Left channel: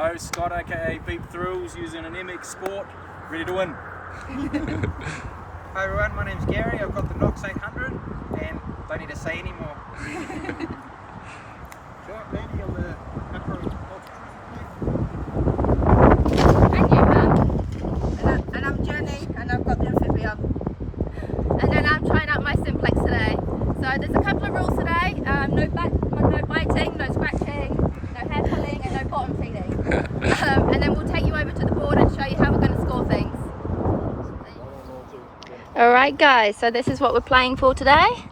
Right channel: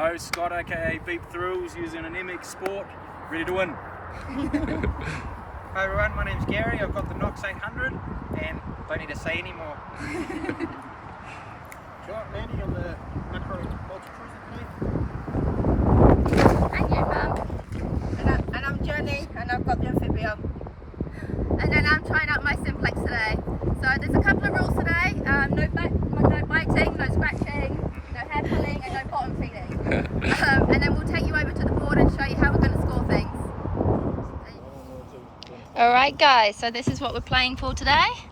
Hello, Scott aka Beep Thrills using an MX Sport, ready to win. Hi everyone, my name's Gary, I've got the Knox 800 and don't need to say any more. Right, Mandy on the macro And you, Mum. And I'm Jenny, and I've got the amphibian. And then I'm trying out my simplex today. So there's a couple of rules today. No biting, no scratching, no hair pulling, and no bottom feeding. And then we'll take you over to the board and show you how we're going to score things. Alright guys, so this is what we're playing for today.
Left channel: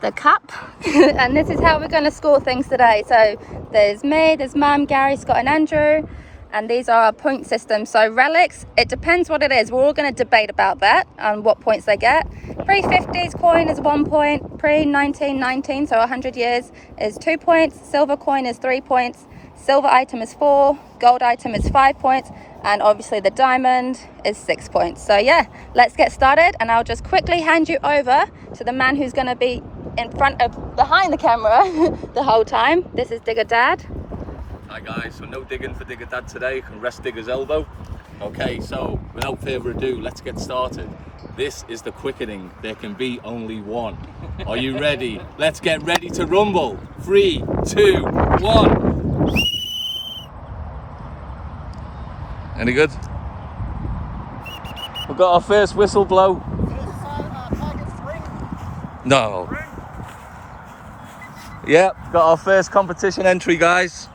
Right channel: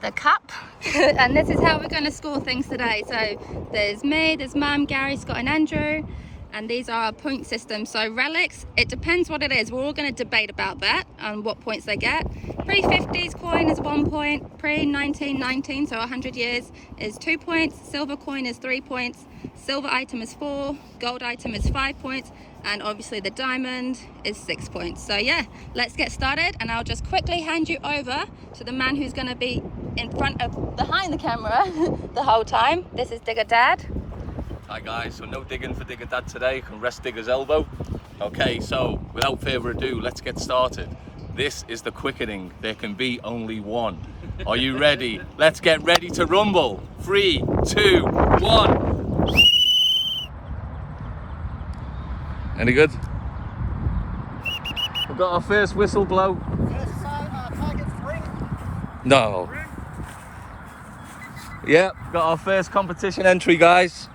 The cup. And this is how we're going to score things today. So there's me, there's Mum, Gary, Scott and Andrew. And these are our point systems. So relics, it depends what it is. We're all going to debate about that and what points they get. Pre-50s coin is 1 point. Pre-1919, so 100 years, is 2 points. Silver coin is 3 points. Silver item is 4. Gold item is 5 points. And obviously the diamond is 6 points. So yeah, let's get started. And I'll just quickly hand you over to the man who's going to be behind the camera the whole time. This is Digger Dad. Hi guys, so no digging for Digger Dad today, you can rest Digger's elbow. Okay, so without further ado, let's get started. This is the quickening, there can be only one. Are you ready? Let's get ready to rumble. 3, 2, 1. Any good? We've got our first whistle blow. First target's ring. No. Yep, got our first competition entry, guys.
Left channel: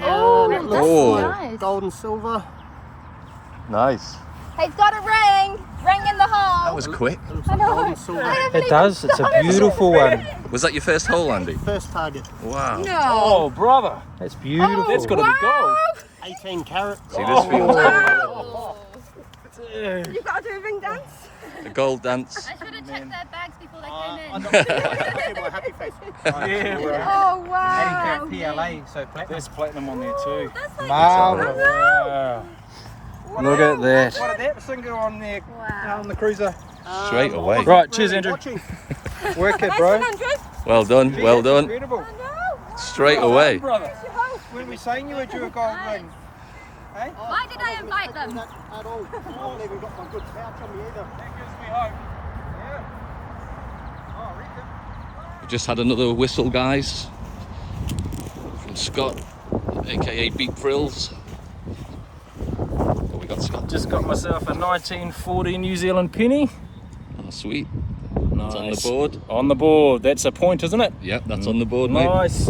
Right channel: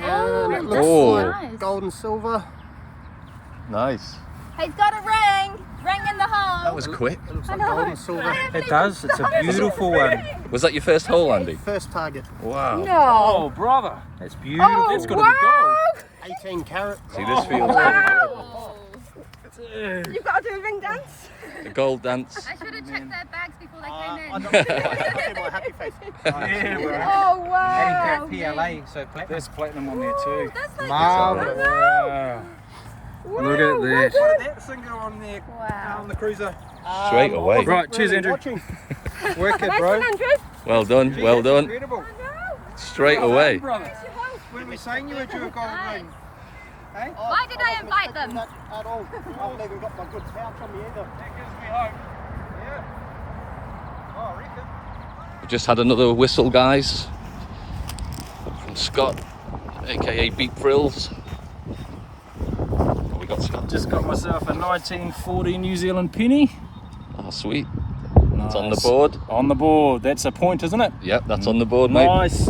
And it looks like nice. gold and silver. Nice. He's got a ring! Ring in the hole! That was quick. It looks like gold and silver. It does, it's a beautiful one. Was that your first hole, Andy? First target, Wow. No! Oh brother, that's beautiful. That's got to be gold. 18 carat. See, this feels pretty good. Oh. You've got to do a ring dance? The gold dance. I should have checked their bags before they came in. I don't see my happy face. Yeah, bro. Oh wow! 80 carat PLA, so platinum. There's platinum on there too. That's like Wow. Look at that. That single on there, wow. on the cruiser. Straight away. Right, cheers Andrew. Watching. Work it bro. Well done, well done. Incredible. Straight away. Brother, when we saying you were due a gold ring? Hey? Why did I invite them? Not at all. I haven't even got my good pouch in me either. That gives me hope. Yeah. Oh, I reckon. We've just had another whistle, guys. From Scott, aka Beep Thrills. What we got, Scott? Just got myself a 1940 New Zealand penny. Oh, sweet. That's on the board. On the board. That's a point, isn't it? Yep, that's on the board, mate. Nice.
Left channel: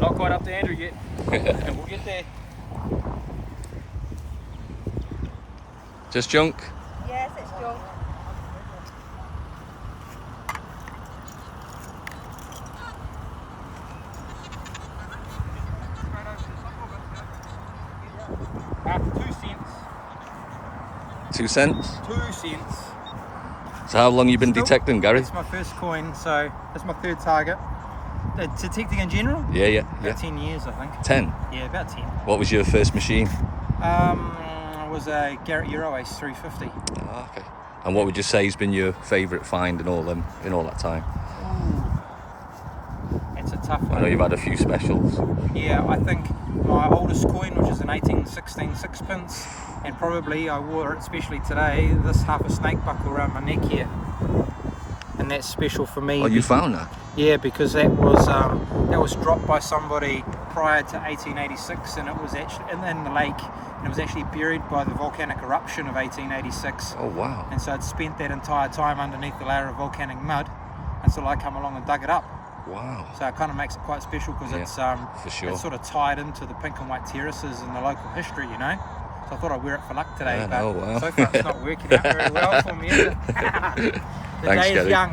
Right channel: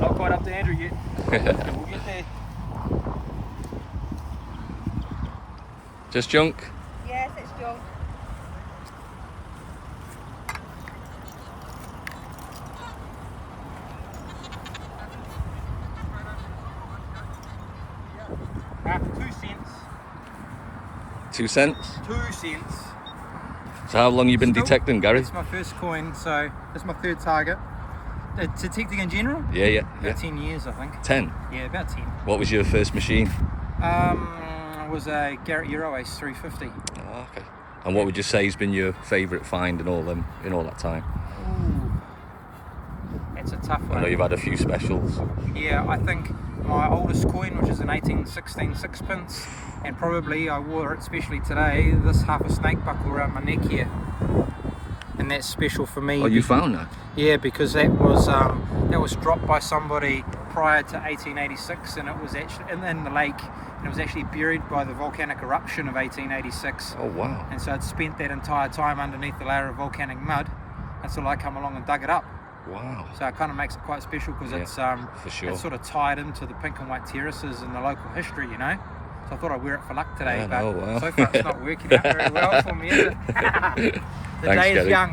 Not quite up to Andrew yet. We'll get there. Just junk. Yes, it's junk. After 2 cents. 2 cents. 2 cents. So how long you been Still- detecting, Gary? It's my first coin, so it's my third target. Detecting in general? Yeah. About 10 years, I think. 10. Yeah, about 10. What was your first machine? It was a Garrett Euro Ace 350. Oh, okay. And what would you say has been your favourite find in all that time? Ooh. It's a tough one. I know you've had a few specials. Yeah, I think my oldest coin, which is an 1816 sixpence, and probably I wore it, especially today, this half a snake buckle around my neck here. And that's special for me. Oh, you found that? Yeah, because that was dropped by somebody prior to 1886, and it was actually in the lake, and it was actually buried by the volcanic eruption of 1886. Oh, wow. And so I'd spent that entire time underneath the layer of volcanic mud until I come along and dug it up. Wow. So it kind of makes it quite special because Yeah, it's for sure. it's sort of tied into the pink and white terraces and the local history, you know. So I thought I'd wear it for luck today, Yeah, but oh, wow. so far it's not working out very well for me, is it? The Thanks, day is Gary. young.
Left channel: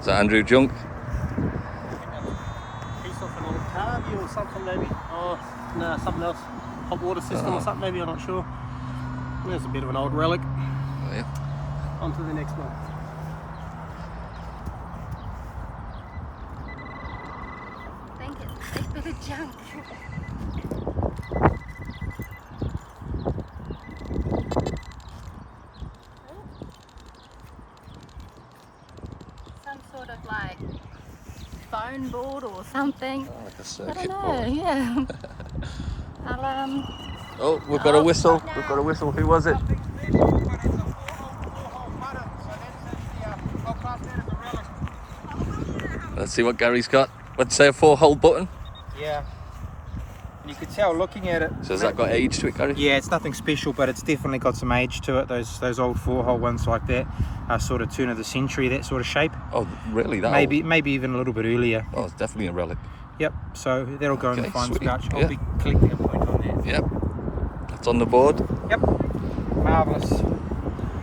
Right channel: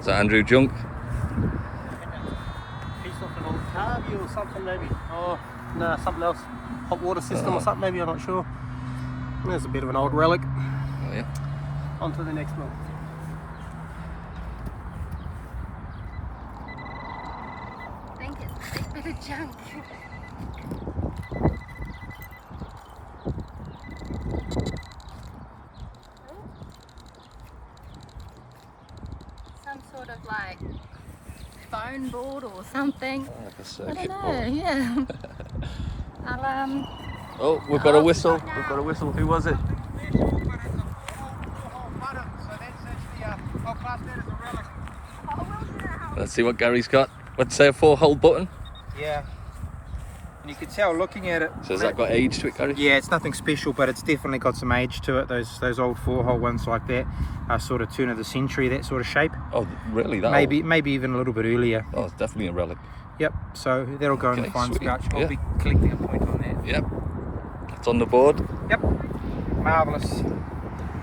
Is that Andrew junk? Piece off an old car view or something maybe. Oh, no, something else. Hot water system or something maybe, I'm not sure. There's a bit of an old relic. Oh, yeah. On to the next one. I think it's a big bit of junk. like foam board or something. Oh, like a I circuit don't board. know, yeah. I'll Oh, we've got a whistle. stop now. We've got a whistle. Who was it? It's a 4-hole putter, so that's actually I'll class that as a relic. Let's see what Gary's got. What'd you say, a 4-hole button? Yeah. And you can tell looking at it. So has that got age to it, Gary? Yeah, it's nothing special, but it's definitely got some age to it. Those old 4-hole ones like that are sort of turn of the century, that sort of shape. Oh, really? That Maybe even a little bit earlier. old? Oh, it's definitely a relic. Yep. So that'll go in the Okay, fines sweet. pouch. I'll Yeah. be collecting a point on that. Yep. That's on the board. Yep. Marvellous.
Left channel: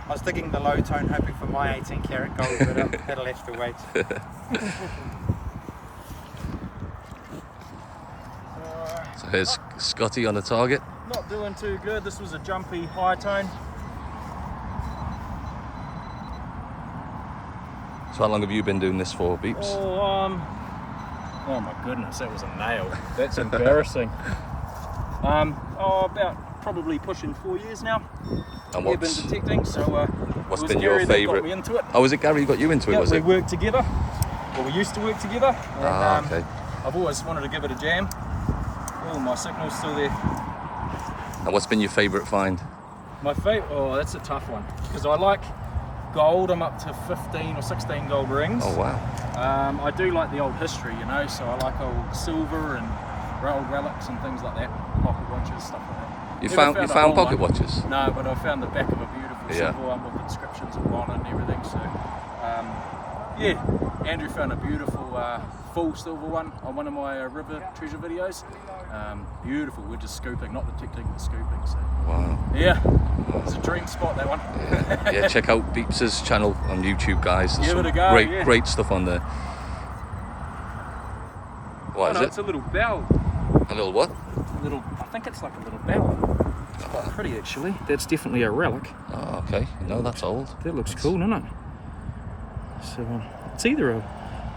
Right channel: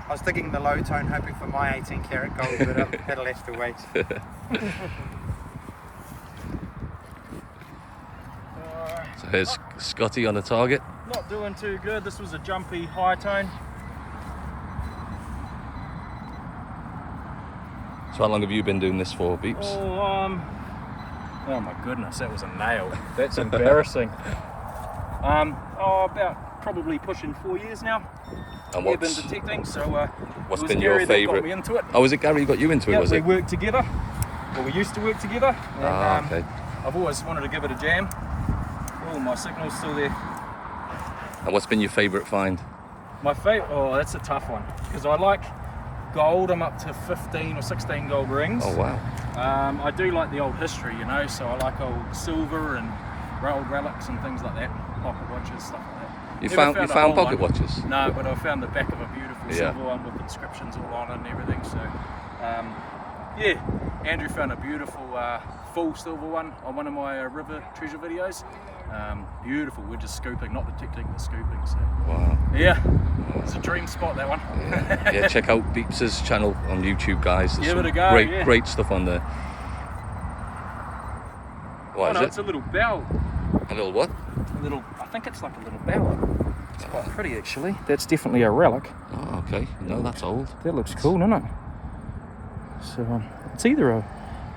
I was digging the low tone, hoping for my 18 karat gold, but that'll have to wait. So here's Scotty on the target. Not doing too good. This was a jumpy high tone. So how long have you been doing this for, Beeps? Oh my goodness, that was a nail. That's embarrassing. About probably pushing 4 years now. And We've been what's detecting, so what's it was been Gary your that got favourite? me into it. Oh, was it Gary who got you into it, Yeah, was we it? worked together. Well, we used to work together. And, Ah, okay. I've always wanted to give it a jam. Oh, my signal's still there. And what's been your favourite find? My favourite, oh, that's a tough one. Because I like gold. I'm up to 15 or 16 gold rings. Oh, wow. I do like the old history, you know, so I like old silver and old relics and things like that. Pocket watches, stuff like that. You Never found a whole pocket one. watches? No, but I found the back of a beautiful Yeah. silver one with inscriptions all on it and everything. So, yeah, Andrew found a beautiful full silver one on one of my river treasure videos. Beautiful. We're just scooping, not detecting, but scooping. So, Wow. yeah, it's a dream spot, that one. Yeah, yeah, check out Beeps' channel on YouTube, guys. There's Give some it a go, great, yeah. great stuff on there. What is Oh, no, it? it's a little bell. A little what? I think it's like a little bell. It's quite pretty, actually. That's definitely a relic. Oh, okay. No, that's old. That looks cool, doesn't it? So it's either a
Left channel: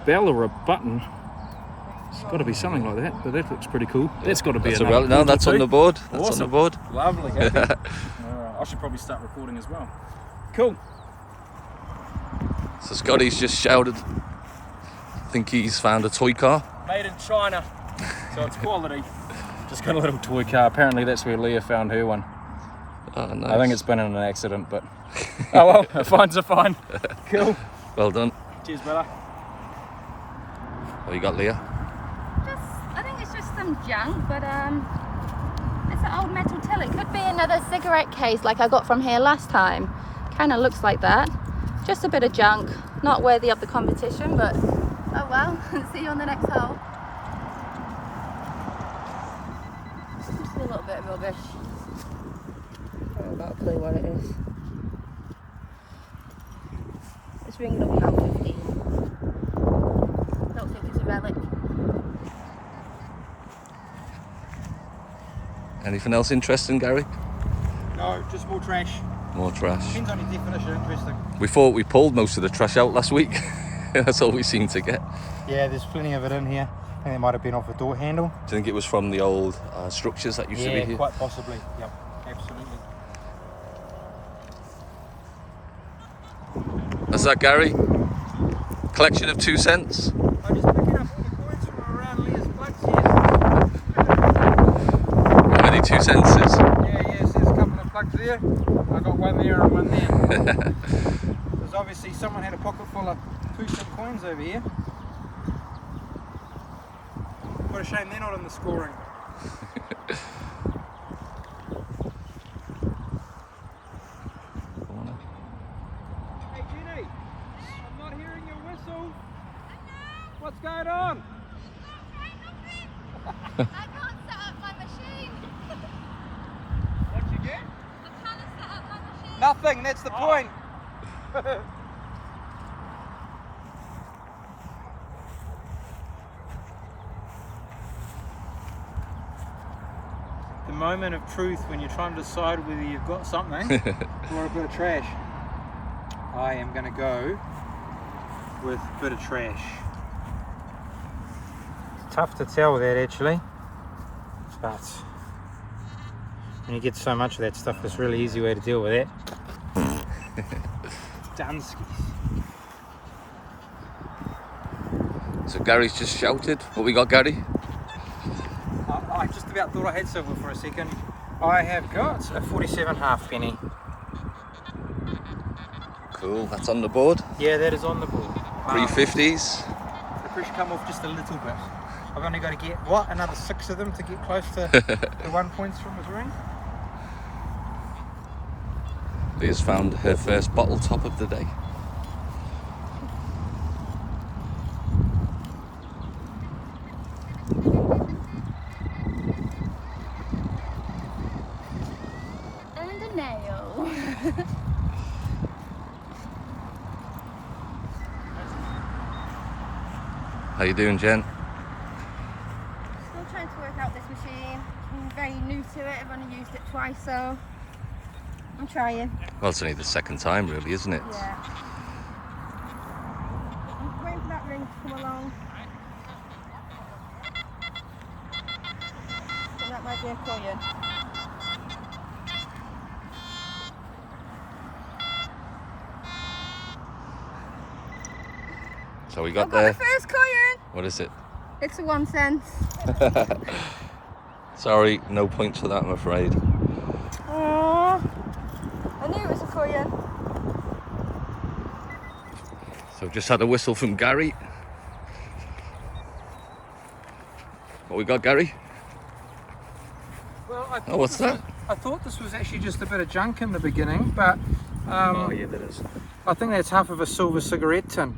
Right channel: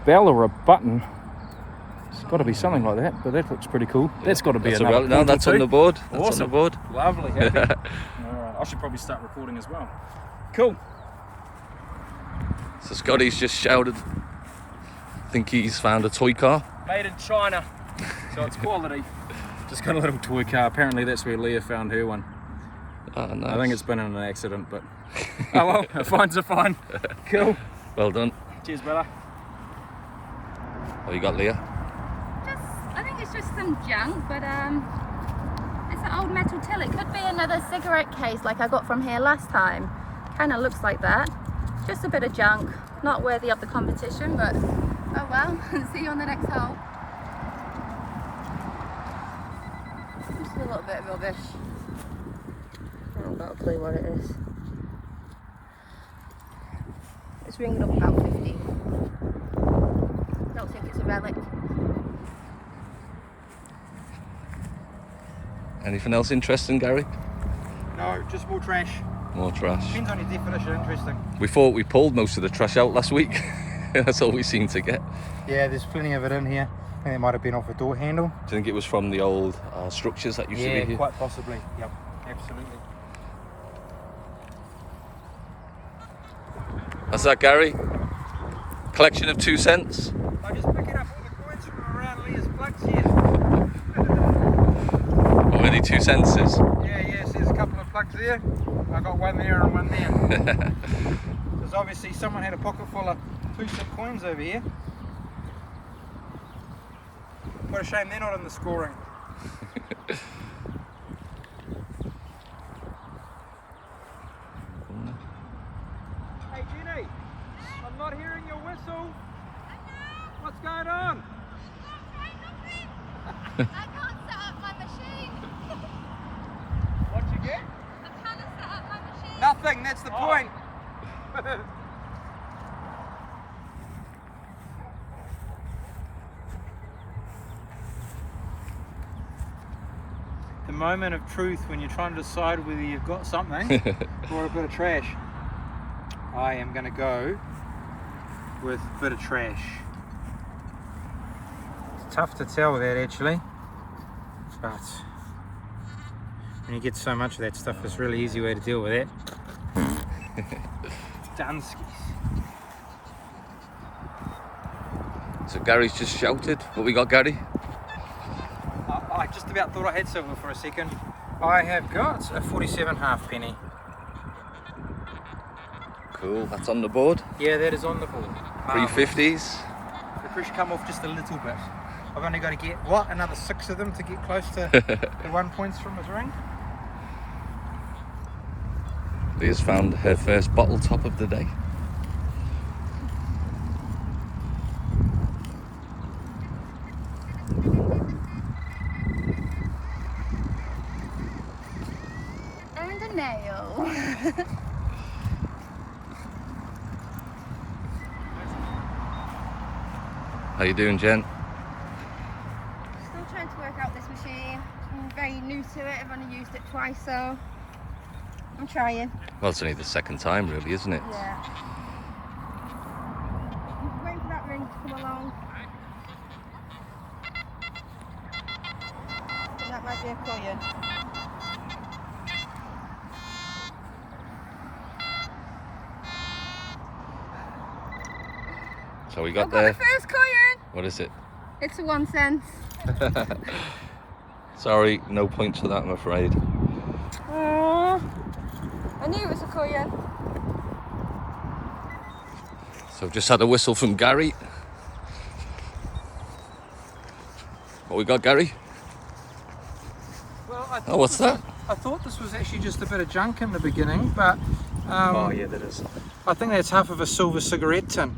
bell or a button. It's got to be something like that, but that looks pretty cool. That's got to be That's another relic. No, point or that's on two. the board. That's on the Awesome. board. Lovely, happy. Alright, I should probably start recording as well. Cool. So Scotty's just shouted. I think he's found a toy car. Made in China, so it's quality. Just got a little toy car. Apparently that's where Leah found her one. Oh, nice. I think it's been in an accident, but oh well, a fine's a fine. Cool. Well done. Cheers, brother. Oh, you got Leah? I think it's just some junk, but it's an old metal till. It could be another cigarette case like I got from here last time. Kind of looks like that. Just a bit of junk, not worthy of the competition, but oh well. See you on the next hole. Just a little bit of rubbish. I haven't got a clue what it is. Let's ring it up about 50. Don't think it's a relic. Anything else interesting, Gary? No, just more trash. More trash. Depends on your definition, interesting. We thought we pulled most of the trash out last week. That's all we seem to get. Yeah, there's plenty of it in here. I think it might have been off a door handle. Do you think it was from the old structures that used to be Yeah, here? quite possibly. Yep, absolutely. That's that, Gary? Collection of 2 cents. I'm just picking up all the coins from around Leah's plugs here. How many 2 cents is? Yes, there's a couple of plugs there. I got one there and one there. Because obviously someone had a pocket full of 2-cent coins over here. What a shame they're not in the scoring. Hey Jenny, I'm not hearing your whistle. What's going on? I can't set up my machine. What'd you get? I'm trying to set up my machine. Nothing, that's the point. The moment of truth when you're trying to decide whether you've got something or a bit of trash. I am going to go with a bit of trash. It's tough to tell that actually, but when you get so much of that stuff, it's a really easy way to deal with that. Danskis. So Gary's just shouted. What we got, Gary? I just about thought I had silver for a second. I have got a 47 halfpenny. Cool, that's on the board. Yeah, that is on the board. Pre-50s. The pressure come off just a little bit. I've only got to get, what, another 6 of them to get close to the 1 points from his ring? Leah's found her first bottle top of the day. And a nail. How you doing, Jen? Still trying to work out this machine. I'm very new to it. I've only used it twice, so I'm trying. Well, it's only the second time, really, isn't it? Yeah. I'm waiting for that ring to come along. I think that might be a coin. So we got I've got there. the first coin. What is it? It's a 1 cent. Sorry, no points for that, I'm afraid. Aww. I knew it was a coin. So just had a whistle from Gary. What we got, Gary? Well, I Oh, what's that? I thought this was actually just a bit of junk in the beginning, but Oh yeah, that is. I think that's half of a silver cigarette tin,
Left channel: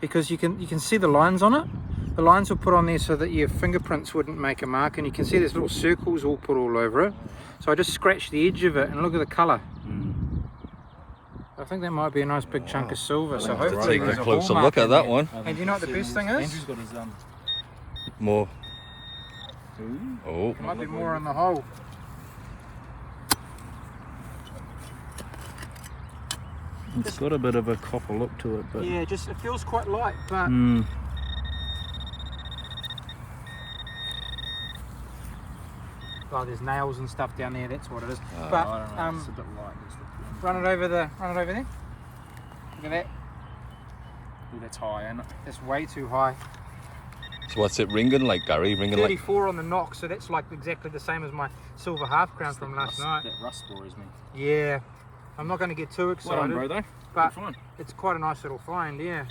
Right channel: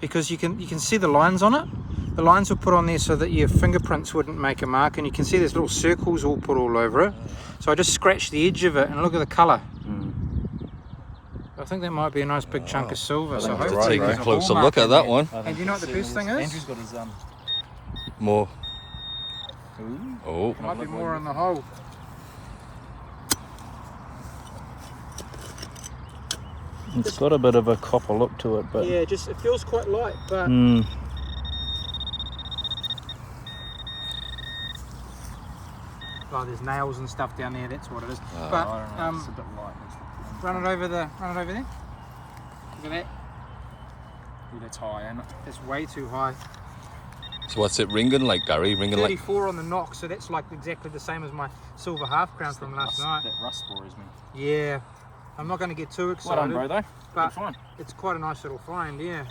because you can see the lines on it. The lines were put on there so that your fingerprints wouldn't make a mark, and you can see there's little circles all put all over it. So I just scratched the edge of it, and look at the colour. I think that might be a nice big chunk of silver. So hopefully Take a there's closer hallmark look at in that there. one. And you know what the best thing is? Andrew's got his More. Ooh. Oh, There might be more in the hole. It's got a bit of a copper look to it, but Yeah, just it feels quite light, but oh, there's nails and stuff down there. That's what it is. But I don't know. It's a bit light. run it over there. Look at that. Ooh, that's high, isn't it? That's way too high. so what's it ringing like, Gary? Ringing like 34 on the knock, so that's like exactly the same as my silver half crown from last night. That rust worries me. Yeah, I'm not going to get too excited, Well done, bro, though. but Good find. it's quite a nice little find, yeah.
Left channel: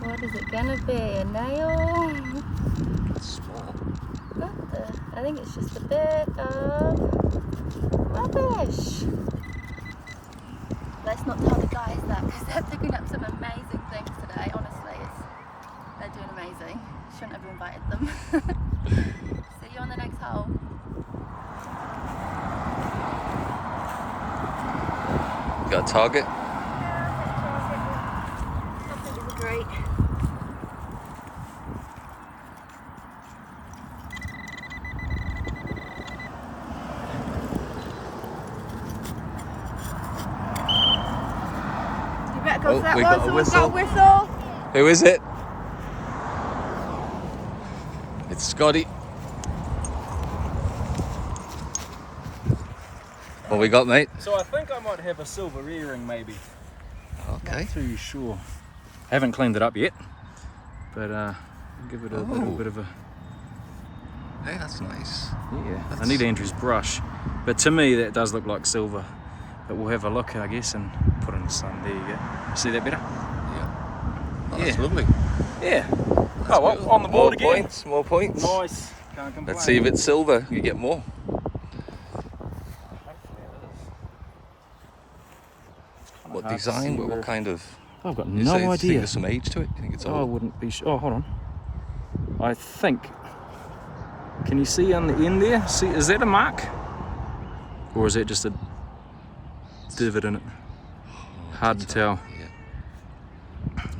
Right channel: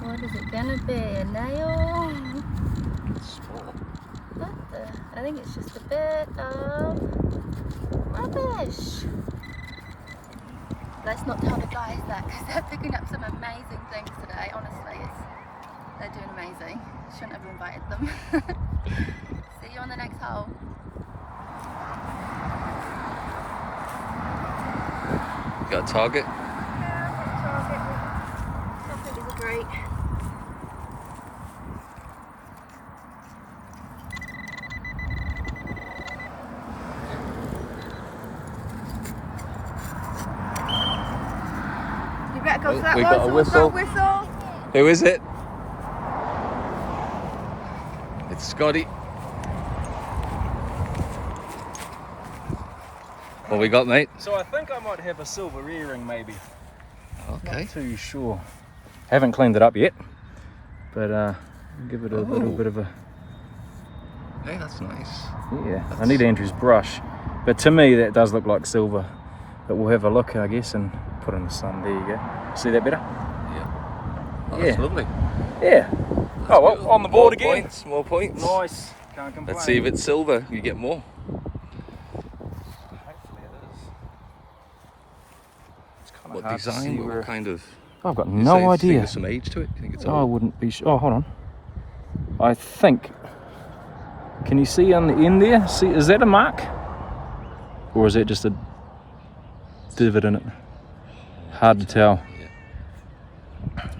What is it gonna be? A nail? small. What the? I think it's just a bit of rubbish. Let's not tell the guys that, because they're picking up some amazing things today. Honestly, they're doing amazing. Shouldn't have invited them. See you on the next hole. Got a target? Nothing is great. You better go Oh, for that we one. got a Someone whistle. get a whistle. Who is it? It's Scotty. What we got, mate? So I think I might have a silver earring, maybe. Okay. Not too sure. Haven't cleaned it up yet, but give it a little bit of a. Hey, that's nice. Yeah, I need Andrew's brush, but to me that does look like silver. But we'll have a look, I guess, and put in the sun. There you go. See that better? Yeah. Oh, that's Yeah. lovely. Yeah. That's Oh, well, good. on the board More again. points, more points. Nice. Can't complain. Let's see if it's silver. You get more. Hopefully it is. It's kinda What hard to design? see What where- kind of? I've got You no say- Do you idea. think there's some age to it? Do you think it's I old? wouldn't be sure. Oh, hold on. I think. Can you see on the end there? See, is that a mark? Or is that just a divot in it? Hard to tell. Yeah.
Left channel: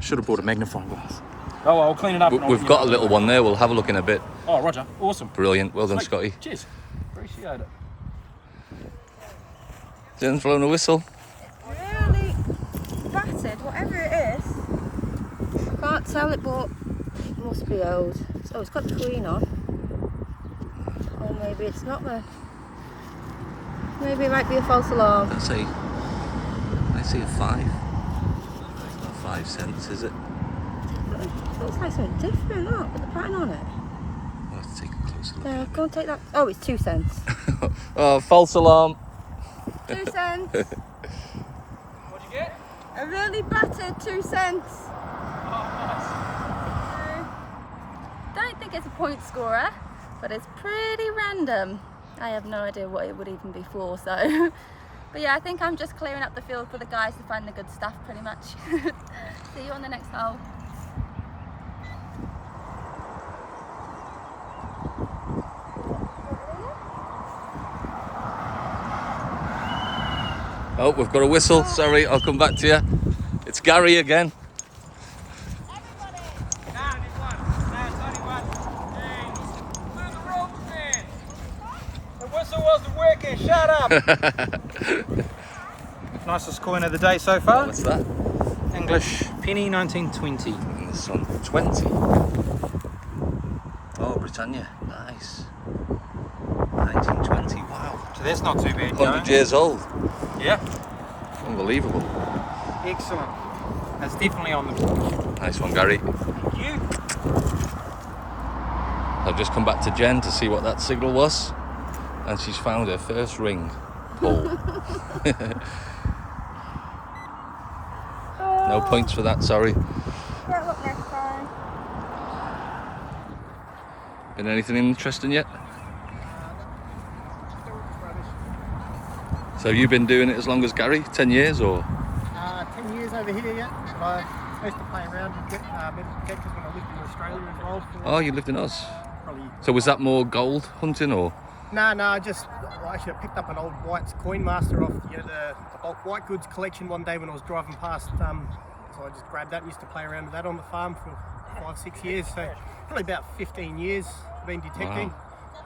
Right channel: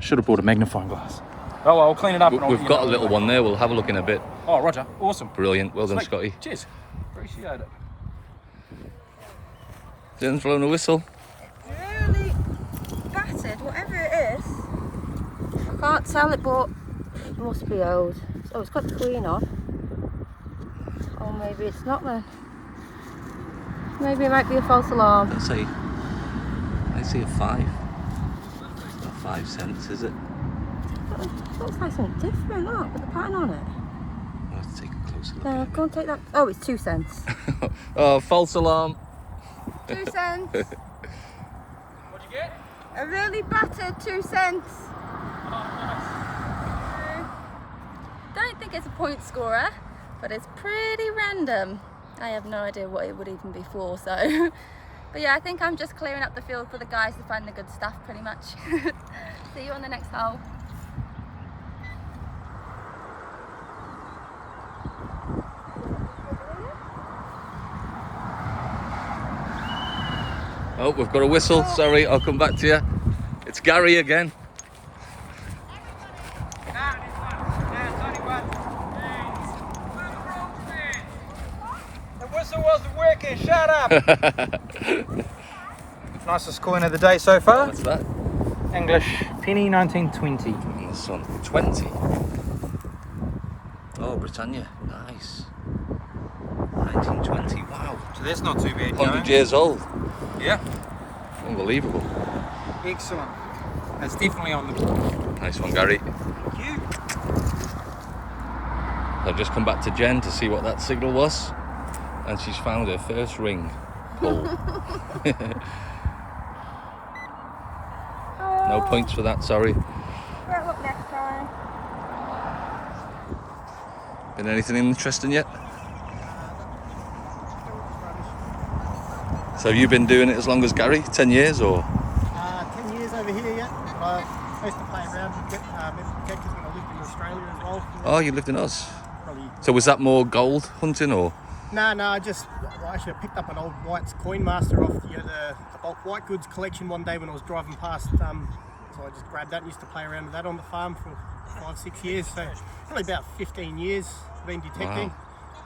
Should have brought a magnifying glass. Oh, well, I'll clean it up. and I'll We've let you got know a little anyway. one there. We'll have a look in a bit. Oh, Roger. Awesome. Brilliant. Well done, Sweet. Scotty. Cheers. Appreciate it. Jen's blown a whistle. Really battered. painted, whatever it is. I can't tell it, but it must be old. Oh, it's got the Queen on. Oh, maybe it's not then. Maybe it might be a false alarm. I see a 5. It's not 5 cents, is it? It looks like something different, look, with the pattern on it. We'll have to take a closer look at it. Go and take that. Oh, it's 2 cents. Oh, false alarm. 2 cents. What'd you get? A really battered 2 cents. Don't think it's a point scorer, but it's pretty random. I have no idea what it would even be for, so. But yeah, I think I'm just clearing up the field for the guys to find the good stuff, pretty much. See you on the next hole. Oh, we've got a whistle. Sorry, I'll come back to you. It's Gary again. The whistle wasn't working, shut up! Nicest coin of the day so far. What's that? English penny, 1920. In the sun. 20. Oh, Britannia. Nice. 1920. Wow. So that's not too bad. 100 years old. Yeah. Unbelievable. Excellent. That's definitely on the. Nice one, Gary. I've just come back to Jen to see what that signal was, and she's found her first ring pull. No points for that, sorry. Right, look next time. Been anything interesting yet? So have you been doing it as long as Gary? 10 years or? 10 years over here, yeah. But I used to play around with geckos when I lived in Australia as well. Oh, you lived in Oz. Probably. So was that more gold hunting or? No, I actually picked up an old White's Coin Master off the bulk white goods collection one day when I was driving past. So I just grabbed that and used to play around with that on the farm for 5-6 years. So probably about 15 years been detecting,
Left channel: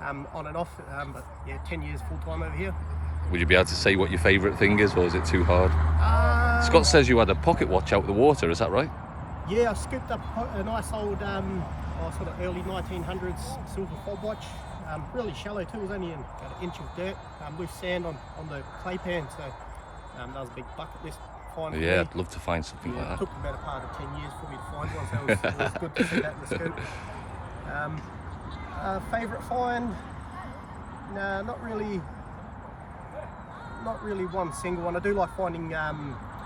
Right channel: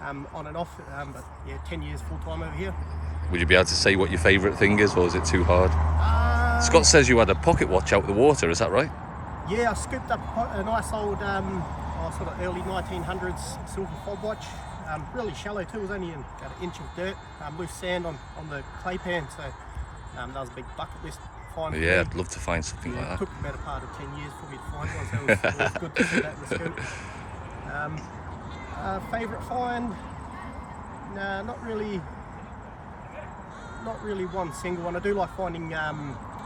on and off. But yeah, 10 years full time over here. Would you be able to say what your favourite thing is, or is it too hard? Scott says you had a pocket watch out of the water, is that right? Yeah, I scooped up a nice old sort of early 1900s silver fob watch. Really shallow too, it was only in about an inch of dirt, loose sand on the clay pan, so that was a big bucket list find for me. Yeah, I'd love to find something like It that. took about a part of 10 years for me to find one, so it was good to see that in the scoop. Favourite find? Nah, not really one single one. I do like finding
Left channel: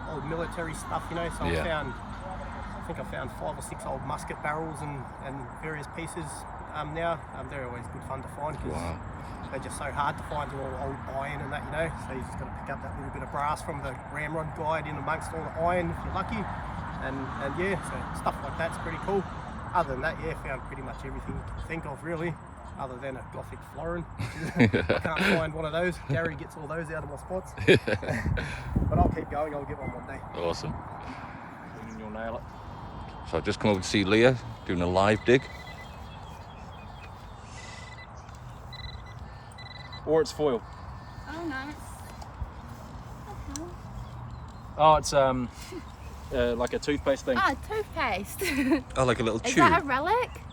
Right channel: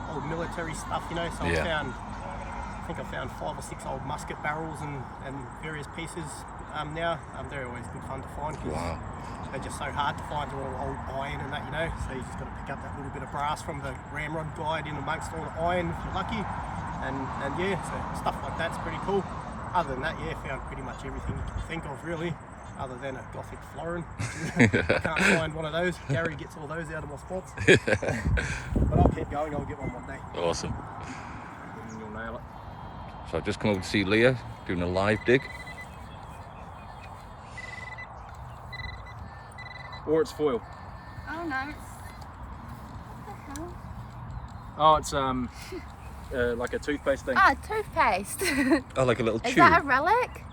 old military stuff, you know, so Yeah. I think I found 5 or 6 old musket barrels and various pieces now. They're always good fun to find because Wow. they're just so hard to find, all old iron and that, you know, so you just got to pick up that little bit of brass from the ramrod guide in amongst all the iron if you're lucky, and yeah, so stuff like that's pretty cool. Other than that, yeah, found pretty much everything you can think of really, other than a Gothic florin. I can't find one of those. Gary gets all those out of my spots. But I'll keep going, I'll get one day. Awesome. And you'll nail it. So I've just come over to see Leah doing a live dig. Or it's foil. Oh no, it's. What the hell? Oh, it's like a toothpaste thing. Ah, toothpaste. Oh, like a little Is tube. that a relic?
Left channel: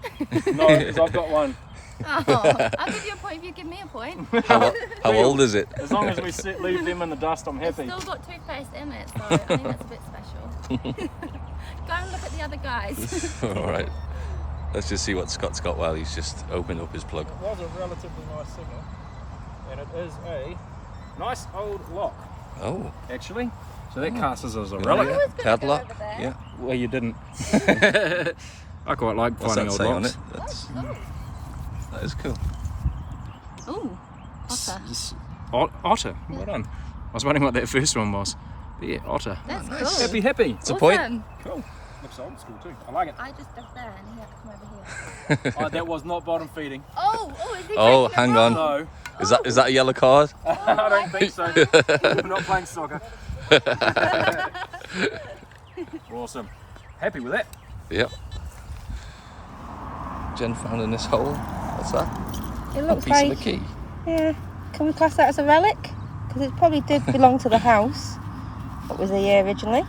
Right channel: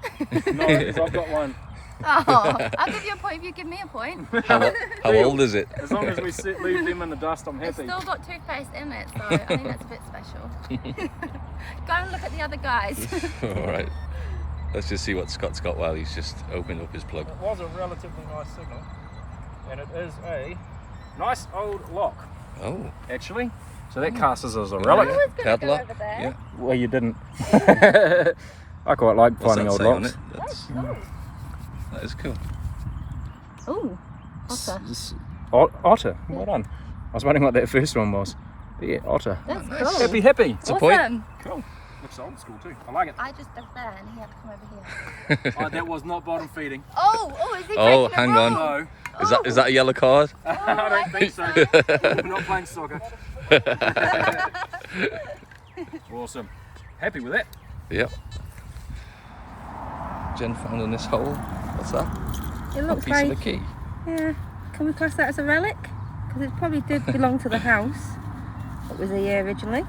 No, 'cause I've got one. Oh, I'll give you a point if you give me a point. How old is it? As long as we leave them in the dust, I'm It's happy. still got toothpaste in it, so I think that's a bit special. Go and look at the other guys. All right. Let's just see what Scott's got while he's just opened up his plug. It was a relatively nice signal, and it is a nice old lock, Oh. actually. So that casts as a relic. Yeah. Padlock. over there. Yeah. Well, you didn't. I quite like What's finding that old say on locks. it? That is cool. Ooh, otter. Otter. Well done. I was wondering what that first one was. But yeah, otter. That's nice. cool. Happy. It's a point. Awesome. Cool. Looks old school too. I like it. I just dug there and he had to come over here. Oh, that was not bottom feeding. Oh, is he Oh, taking a hang on. roll? No, Is that a yellow card? I don't think so. We're not playing soccer. Awesome. Happy with that. Yep. Jen found in this hole. What's that? It A looks piece of like, the key. yeah, can we class that as a relic? Because it probably did belong to the house. What was the year originally?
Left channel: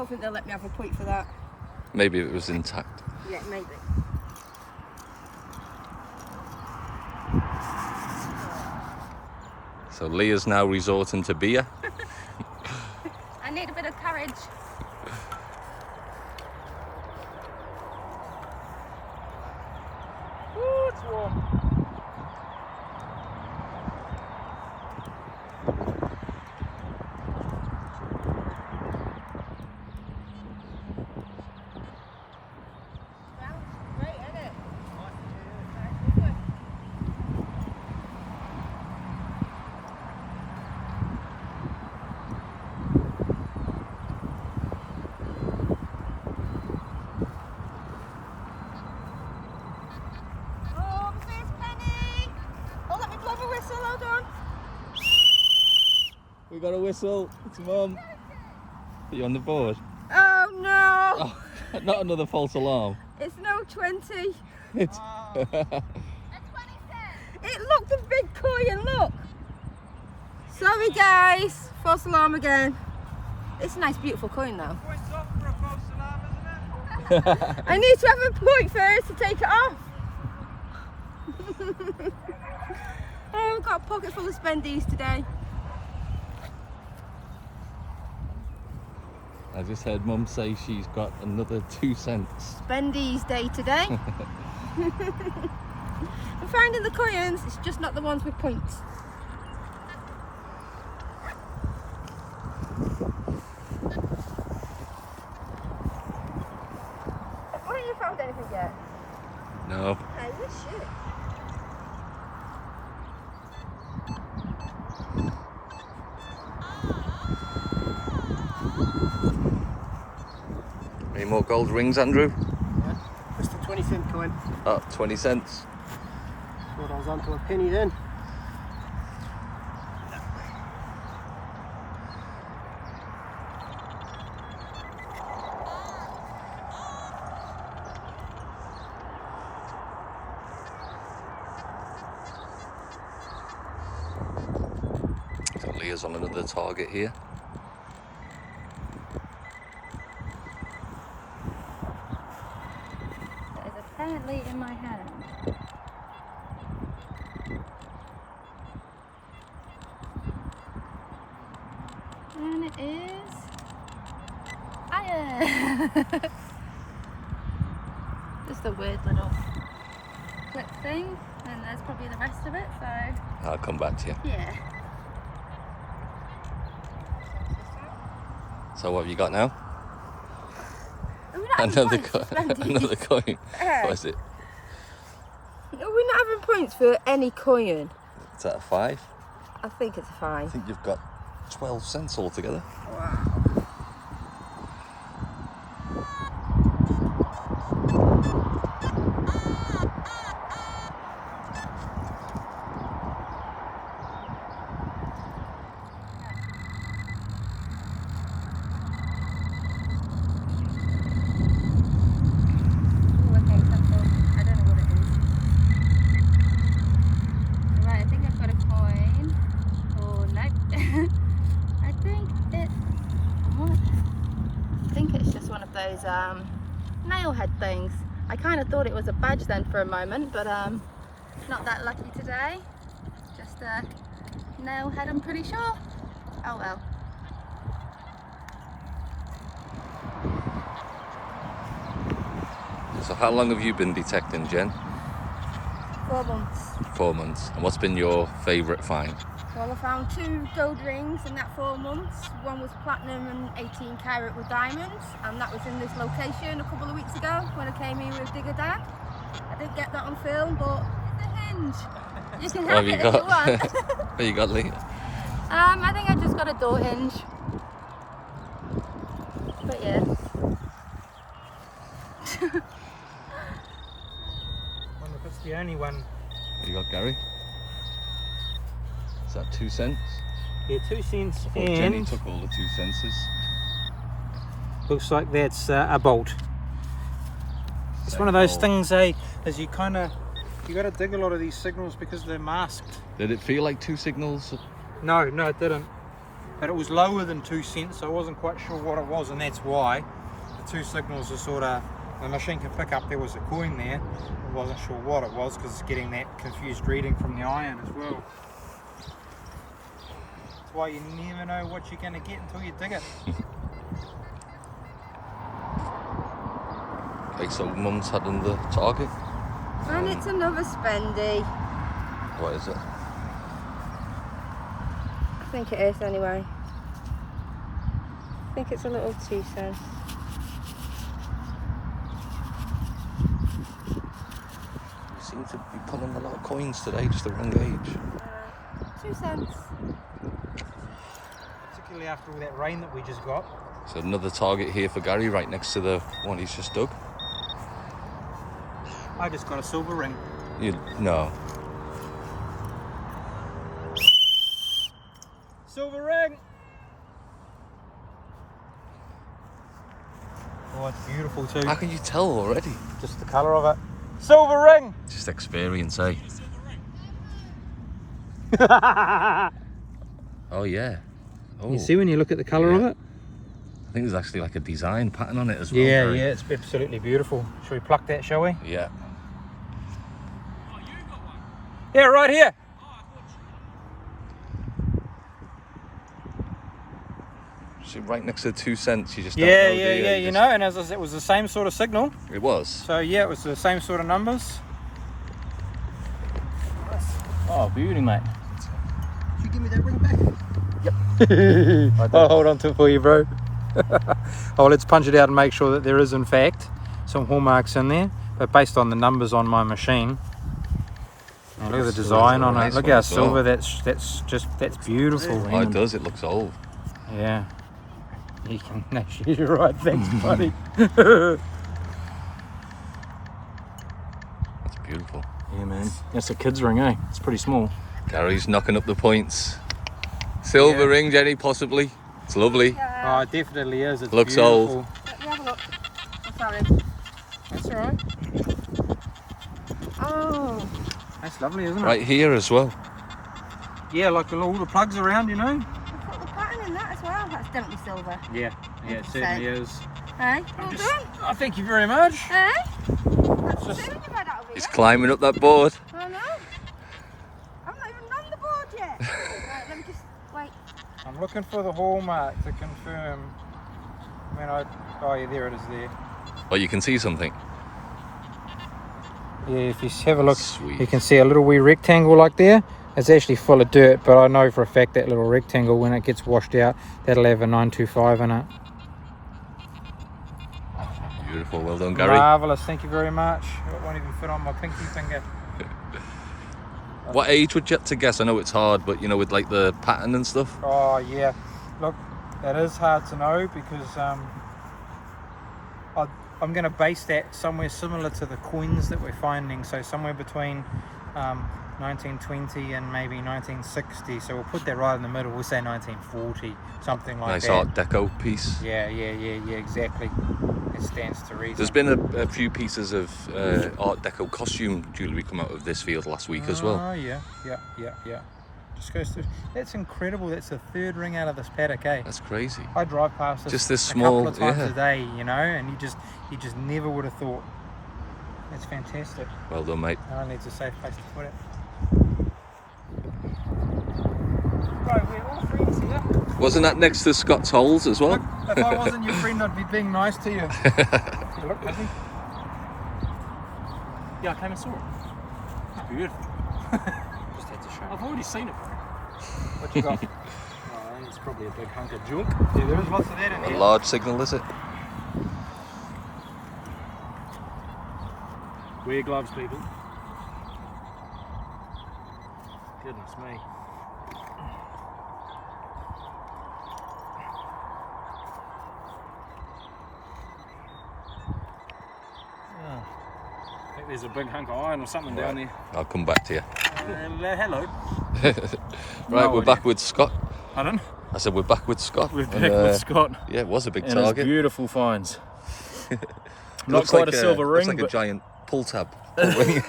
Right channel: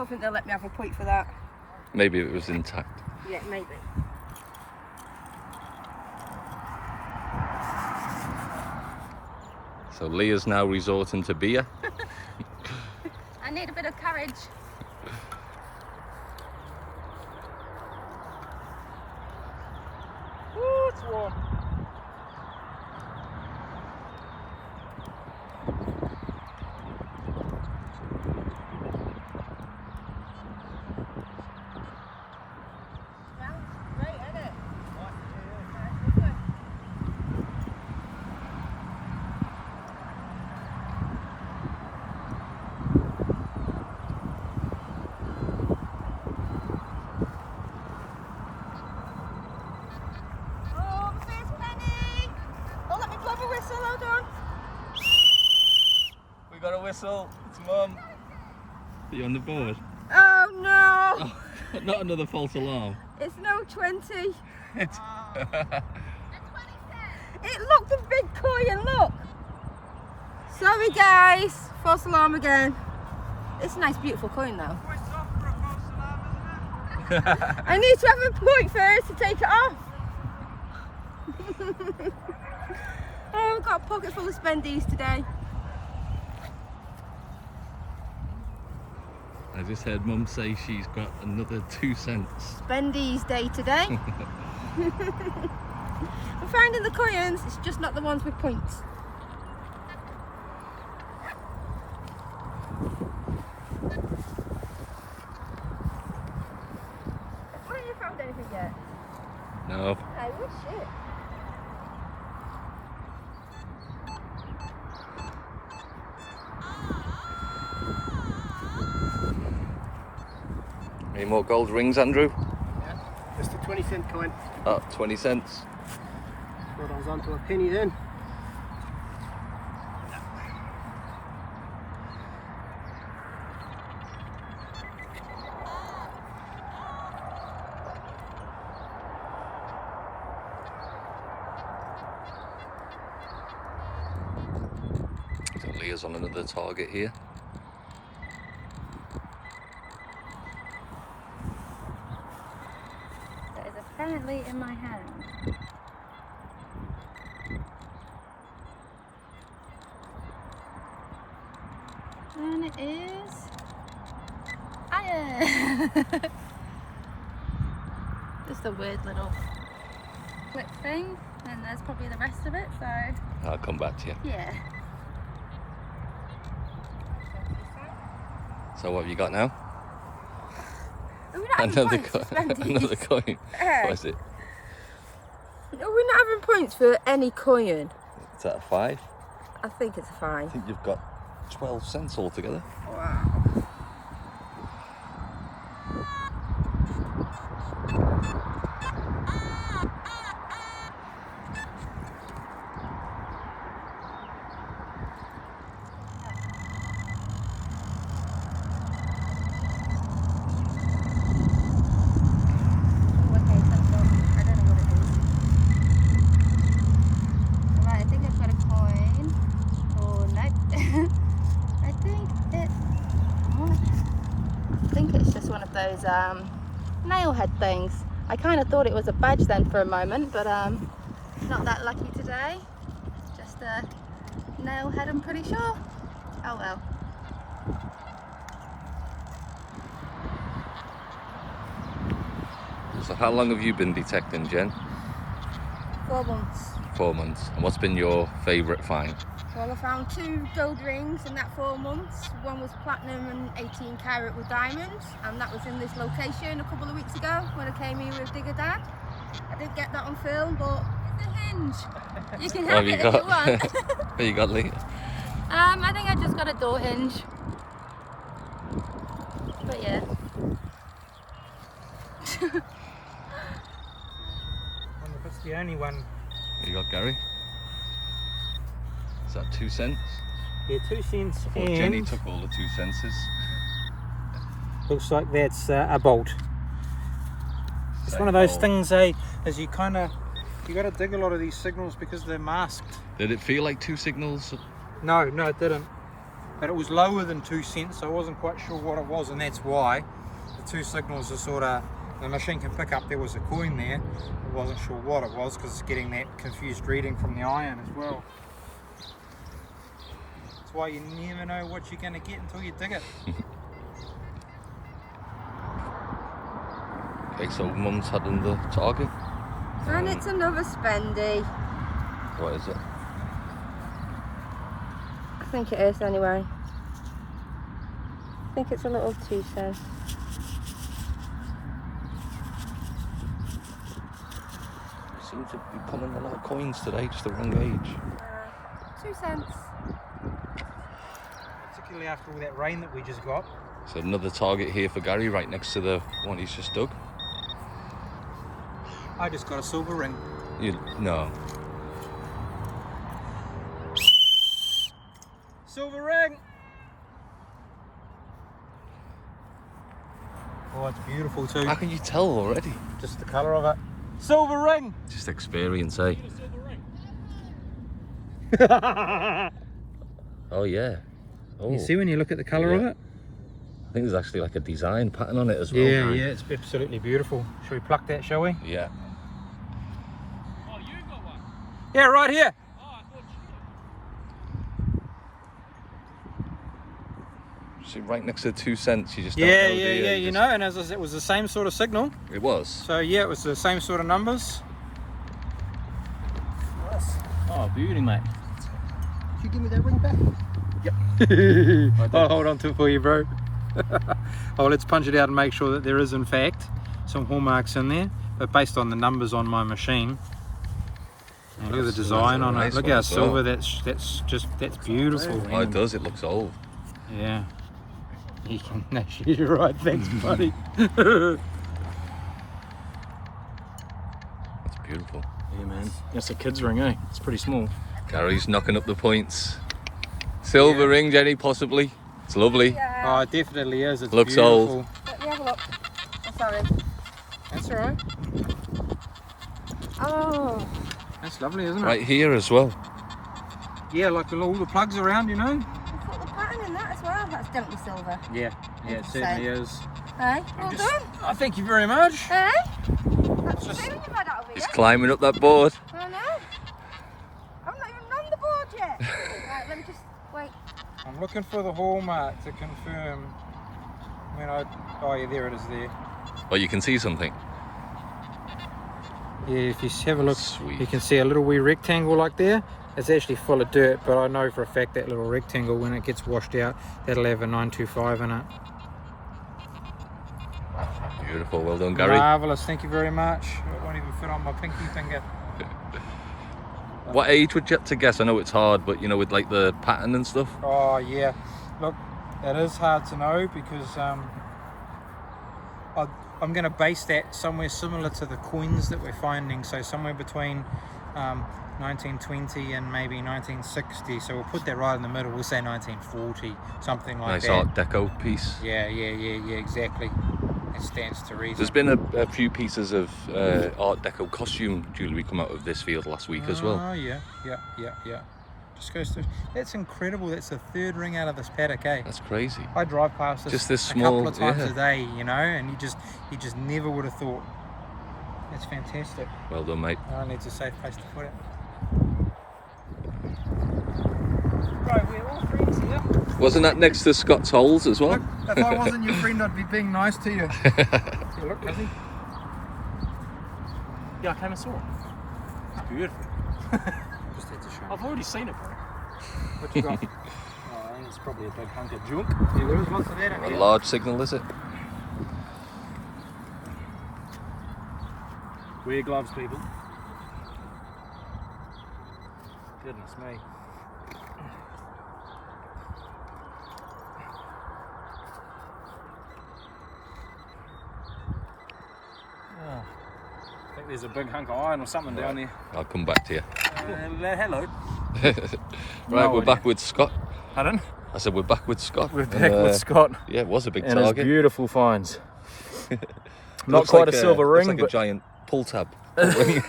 don't think they'll let me have a point for that. Maybe it was intact. Yeah, maybe. So Leah's now resorting to beer. I need a bit of courage. Ooh, it's warm. Great, isn't it? Oh, the first penny! Oh, let me blow my whistle, hold on. We got a whistle. It's Mum. Are you on the board? Oh no! Oh, not another false alarm. It's no 20. It's It looked a big coin, look! Sorry guys, false alarm again. It's a nice beautiful coin though. I need to have a point first to take it off. Oh, I've got a pocket full of spendies today. I just heard Mum say she's got another 2 cents. Spendies day today. I'm finding the coins, it's just not the ones with points. Haven't you found anything yet? No. I wish you. Any more gold rings, Andrew? Yeah, just a 20-cent coin. Oh, 20 cents. Thought I was onto a penny then. So Leah's on another target here. That is apparently in my hand. And it is iron. Just a weird little clip thing, and there's probably the rest of it, so I'll come back to you. yeah. So what have you got now? Are we not having Another points for coin. spendies? Another coin. Yeah. What is it? Are we not having points for any coin? Is that a 5? I think it's a I 5. think you've got 12 cents altogether. Wow. Oh, okay, something. I don't know what it is. Alright, I think I've got a coin. Oh, nope. I think it. What? I think it's just one of those nail head things. I kind of thought it was a badge then for a moment, but not that lucky today. Just a nail head, I'm pretty sure. Oh well. So how long have you been detecting, Jen? 4 months. 4 months. And what's been your favourite find? Well, I found 2 gold rings in that 4 months. One was platinum and 18 carat with diamonds, and that was in this location a couple of weeks ago when I came here with Digger Dad. I didn't get that on film, but it's a hinge. You can have it if you want. What you got, Leah? I think I just got a door hinge. But yeah. Wonder if it's the only one. What you got, Gary? Is that 2 cents? Yeah, 2 cents. I thought And Jenny took all the 2 senses. looks like that's a bolt. It's one of those things, as you got to dig a lot of these signals because they're masked. Did it feel like 2 signals? No, it didn't. but it was lower than 2 cents, so I wasn't quite sure what it was, and that's why the two signals are sort of, the machine can pick up there was a coin there. I wasn't sure what it was because it's getting that confused reading from the iron as well. That's why you never know what you're going to get until you dig it. Okay, so Mum's had the target. And it's another spendy. What is it? I think it is anyway. I think it's a little 2 cents. You seem to be pulling a lot of coins today, just the wrong age. 2 cents. Particularly after all that rain that we just got. So another target here for Gary, right next to the one he's just dug. I just got a silver ring. No. Silver ring! Oh, it's beautiful too. How can you tell already? Just the colour of it. Silver ring! Just experience, eh? Oh yeah. Oh. You see when you look at the colour of it? I think there's actually like a design pattern on it as well. Yeah, Gary. yeah, it's absolutely beautiful. Shall we pluck that, shall we? Yeah. Yeah, right here. See, right next to the 2 cents, you just Yeah, don't know, yeah, do you? yeah, You you just- know, and as I said, it was the same sort of signal. It was. So yeah, it was the same sort of numbers. Oh, beauty, mate. If you give me that ring back. I'll hold on to it for you, bro. Oh, let's punch it out and make sure that there is in fact some hallmarks in there, but based on the numbers on my machine. Oh, look at the design on it. Nice Look one how as well. silver. That's beautiful. Oh, it does. It looks old. Yeah. You can. No, you're right. Thanks, buddy. That's beautiful. Yeah, man. That's a kid's ring, eh? It's pretty small. Gary's knocking up the points. Silver ring, Jenny, possibly. It's lovely. Oh, it definitely is. It's Looks beautiful. old. Let me have a look. Oh, sorry. That's all right. Oh, That's lovely, isn't it? Right here as well. Yeah, like all the plugs around, you know. I've got the pattern in that as well. That's definitely silver. Yeah, yeah, it certainly is. Hey, well Just, done. oh, thank you very much. Hey? That's Just- soon you've had out of He's here. climbing up that board. I know. I'm not even on the board yet. Right, let me just wait. I'm looking for the hallmark to confirm. I mean, oh yeah, there it is there. Oh, you can see something. Yeah, if you have a look, Sweet. you can see a little wee rectangle like there. It's actually full of dirt, but I know for a fact that little rectangle, when it gets washed out, that'll have a 925 in it. Beautiful. Well done, Gary. Marvellous, thank you very much. It won't even fit on my pinky finger. What age would you have to guess? I know it's hard, but you know, with like the pattern and stuff. Oh yeah, look, it is hard to know because I'm going to base that somewhere similar to the coins that we're finding, so somewhere between 1920 and maybe 1960. So we'll put that right in the middle. We'll say 1940, something like Nice that. Art Deco piece. Yeah, exactly. It stands to reason. There's been a few pieces of Art Deco costume jewellery come out of this field last week as well. Oh yeah. Just goes to. That's incredible. That's the third ring out of this paddock, eh? That's crazy. I drive past this Just this a small- couple of times yeah. a day, you know, and you just never would have thought. That's fantastic. Well done, mate. I need a safe place to put it. Right, we're all friends here. Wasn't that next to Scott's holes as well? Look, if I wasn't your friend, I'd be being nice to you. You look busy. Yeah, I came and saw it. It's beautiful. Just had to show. I've already seen it, bro. What you got? Oh, I think it's probably a big hunk of junk. Yeah, there is lots of that in A here. large signal, is it? Wear gloves, people. Goodness me. I think there's a big hunk of iron or something down there. I'll come back to you. Hello. Right, No we're idea. back with Scott. Pardon? I said we're back with Scott. We're back And, with Scott. Yeah, it was a big And his target. beautiful finds. It Not looks quite like a silver ring, looks like a but giant pull tab. Ring.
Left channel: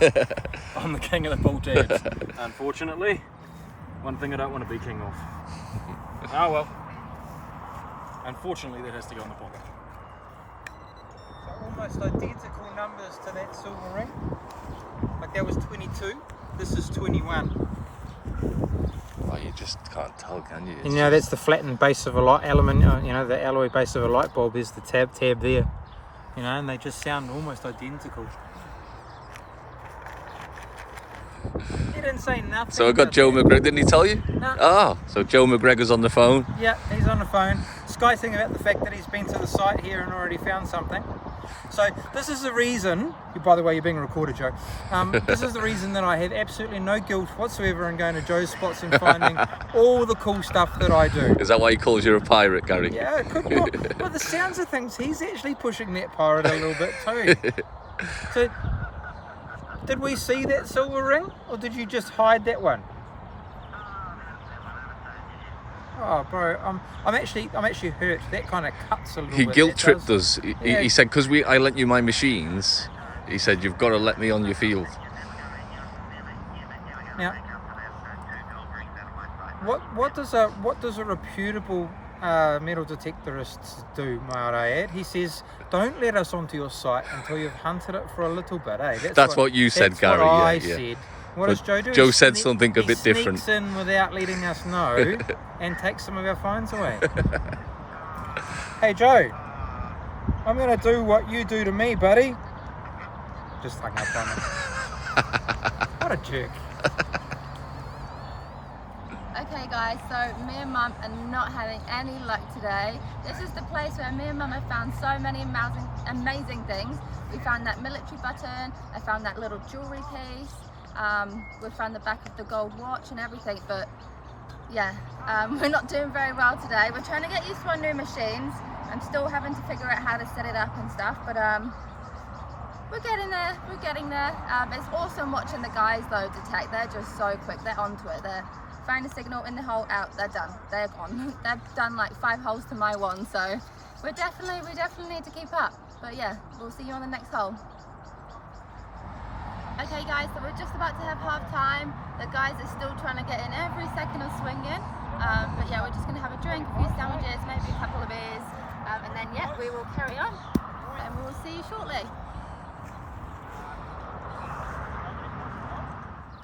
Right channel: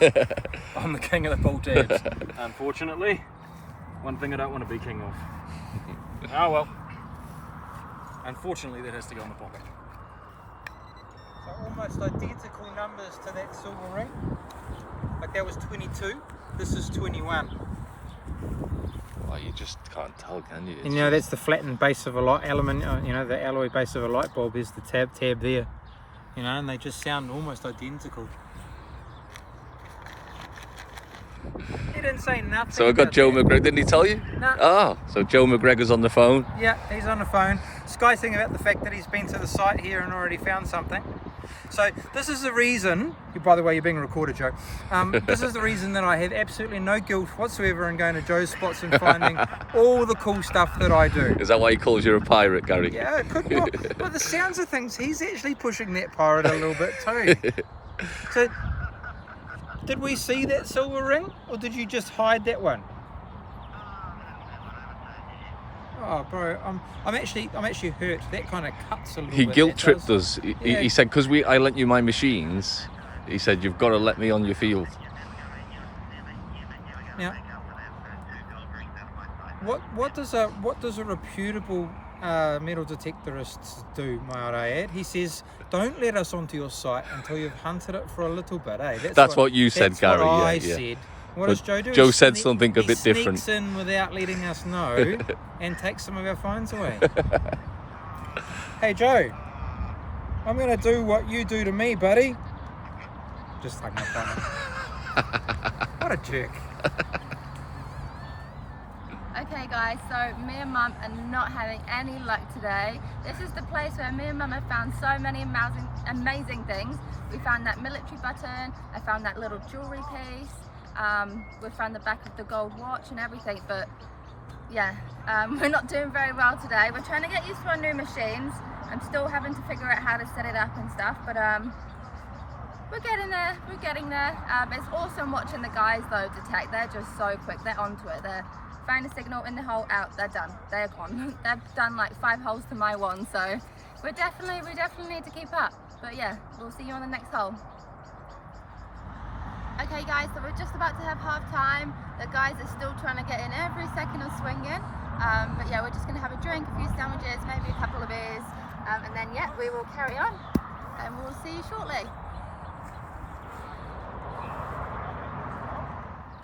I'm the king of the pull tabs. Unfortunately, one thing I don't want to be king of. Oh well. Unfortunately, that has to go in the pocket. So almost identical numbers to that silver ring. Like that was 22, this is 21. Well, you just can't tell, can you? And you know, that's the flattened base of a light aluminium, you know, the alloy base of a light bulb is the tab there. You know, and they just sound almost identical. He didn't say nothing. So I got Joe McGregor, didn't he tell you? No. Ah, so Joe McGregor's on the phone. Yeah, he's on the phone. Skysing about the fact that he's been to the site here and already found something. So this is the reason, by the way, you're being recorded, Joe. This is the reason that I have absolutely no guilt whatsoever in going to Joe's spots and finding all the cool stuff that I do. Is that why he calls you a pirate, Gary? Yeah, it could be. Well, the sounds of things, he's actually pushing that pirate a little bit too. So, did we see that silver ring, or did you just hide that one? Oh, bro, I'm actually hurt. That kind of cuts a little He bit. guilt That tripped does. us. Yeah. He said, because I lent you my machines, he said, you've got to let me on your field. Now, what does a reputable metal detectorist do, might I add? He says, don't let us onto your site until you've hunted it for a little bit, eh? That's what you said, that's Gary. What I yeah. said. What But does Joe do? Joe He said something a bit different. He sneaks in without letting us know and takes some of our phones away. Hey Joe, I'm going to do what you do to me, buddy. Just hung up on him. What a jerk. Okay guys, so me and Mum are not having any luck today. This is the place where me and Mum have found so many amazing things. We found that military button, I found that little jewellery piece, we found the back of the gold watch and everything, but yeah, we're not doing very well today. We're trying to get used to our new machines. I'm still having to figure out how to set it up and stuff, but we're getting there, it's awesome watching the guys though detect. They're just so quick, they're onto it. They find a signal in the hole, out, they're done, they're gone. They've done like 5 holes to my one, so we definitely need to keep up. But yeah, we'll see you on the next hole. Okay guys, so we're just about to have half time. The guys are still trying to get in every second of swinging. But yeah, we're just gonna have a drink, a few sandwiches, maybe a couple of beers. And then yeah, we will carry on and we'll see you shortly.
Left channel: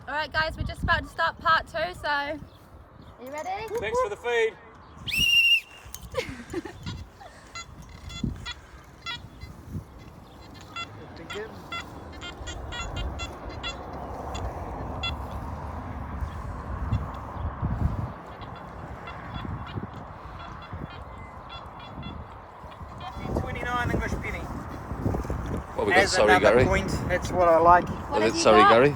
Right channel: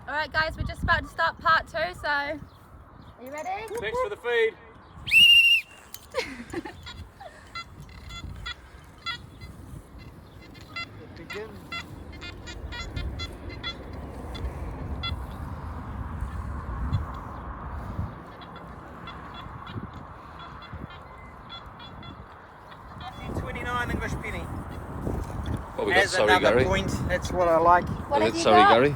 All right guys, we're just about to start part 2, so are you ready? Thanks for the feed. $19.29 English penny. What we got, As sorry, another Gary? point, that's what I like. What Was have it you sorry, got? Gary?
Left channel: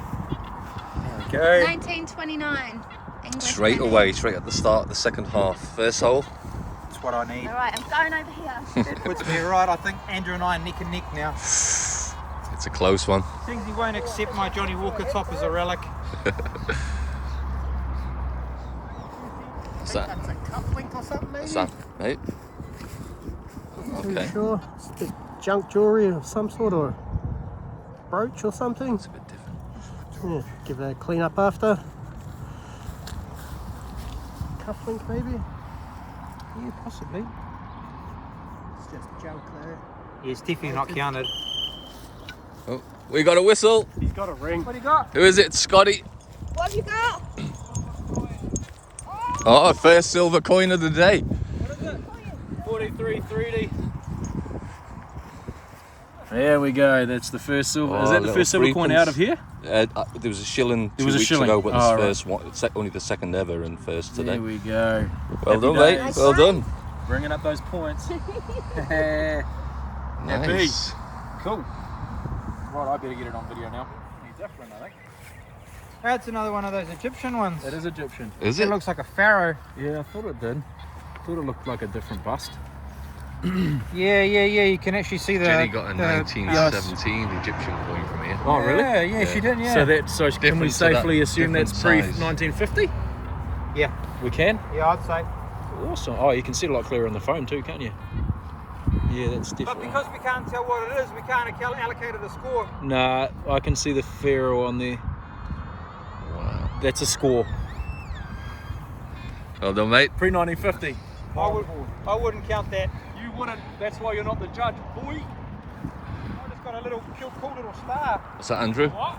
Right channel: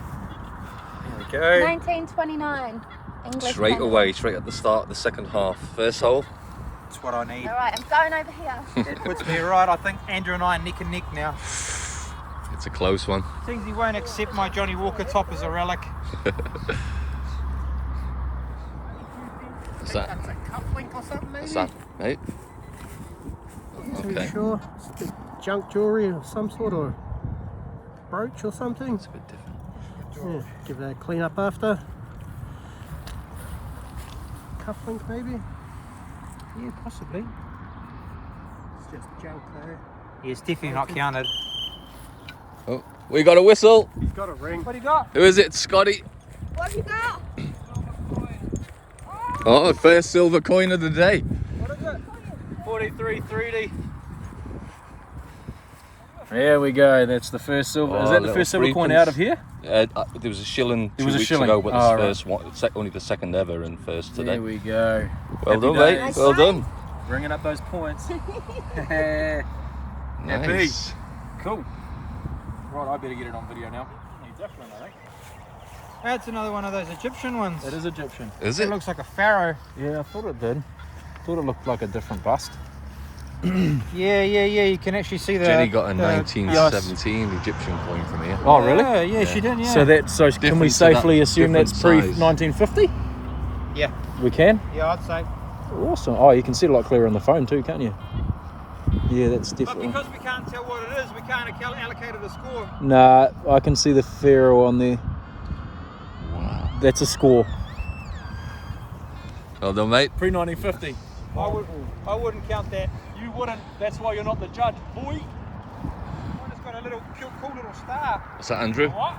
There we go. 19.29 English Straight penny. away, straight at the start of the second half. First hole. That's what I need. All right, I'm going over here. That puts me right. I think Andrew and I are neck and neck now. It's a close one. Things he won't accept my Johnny Walker top as a relic. What's that? That's a cufflink or something, maybe? What's that, mate? Not Okay. too sure. It's the junk jewellery of some sort, or brooch or something. It's a bit different. Yeah, give that a clean up after. Cufflink maybe? Yeah, possibly. It's just junk though. Yeah, it's definitely not counted. Oh, we got a whistle. He's got a ring. What do you got? Who is it, Scotty? What have you got? Oh, first silver coin of the day. 43.30. There we go. That's the first silver. Oh, Is that the little first silver coin threepence. out of here? There was a shilling There 2 was a weeks shilling. ago, but Oh, the right. first one, only the second ever and first today. There we go. Well Happy done, days. mate. Well done. Bringing up those points. Nice. Cool. Right, I better get it on video now. Different, I think. That's another one of those Egyptian ones. It is Egyptian. Is It it? looks like a pharaoh. Yeah, I thought it did. Thought it looked like a different bust. Yeah. You can actually see the. Jenny got a the- 1917 Egyptian coin from here. Oh, really? Yeah, Yeah. she did. Yeah. So can we Different to safely that, assume that's different pre size. 1950? Yeah. We can. Yeah, I'd say. Awesome. Oh, you can see it a lot clearer on the phone too, can't you? Yeah, that's But definitely. because we can't tell what it is, we can't allocate it a score. Nah, I can see the pharaoh on there. Wow. That's a score. Well done, mate. Pre 1950. I wouldn't count that. You wouldn't. That's why you're not the judge, boy. It's got a little cool little star. Is that Andrew? What?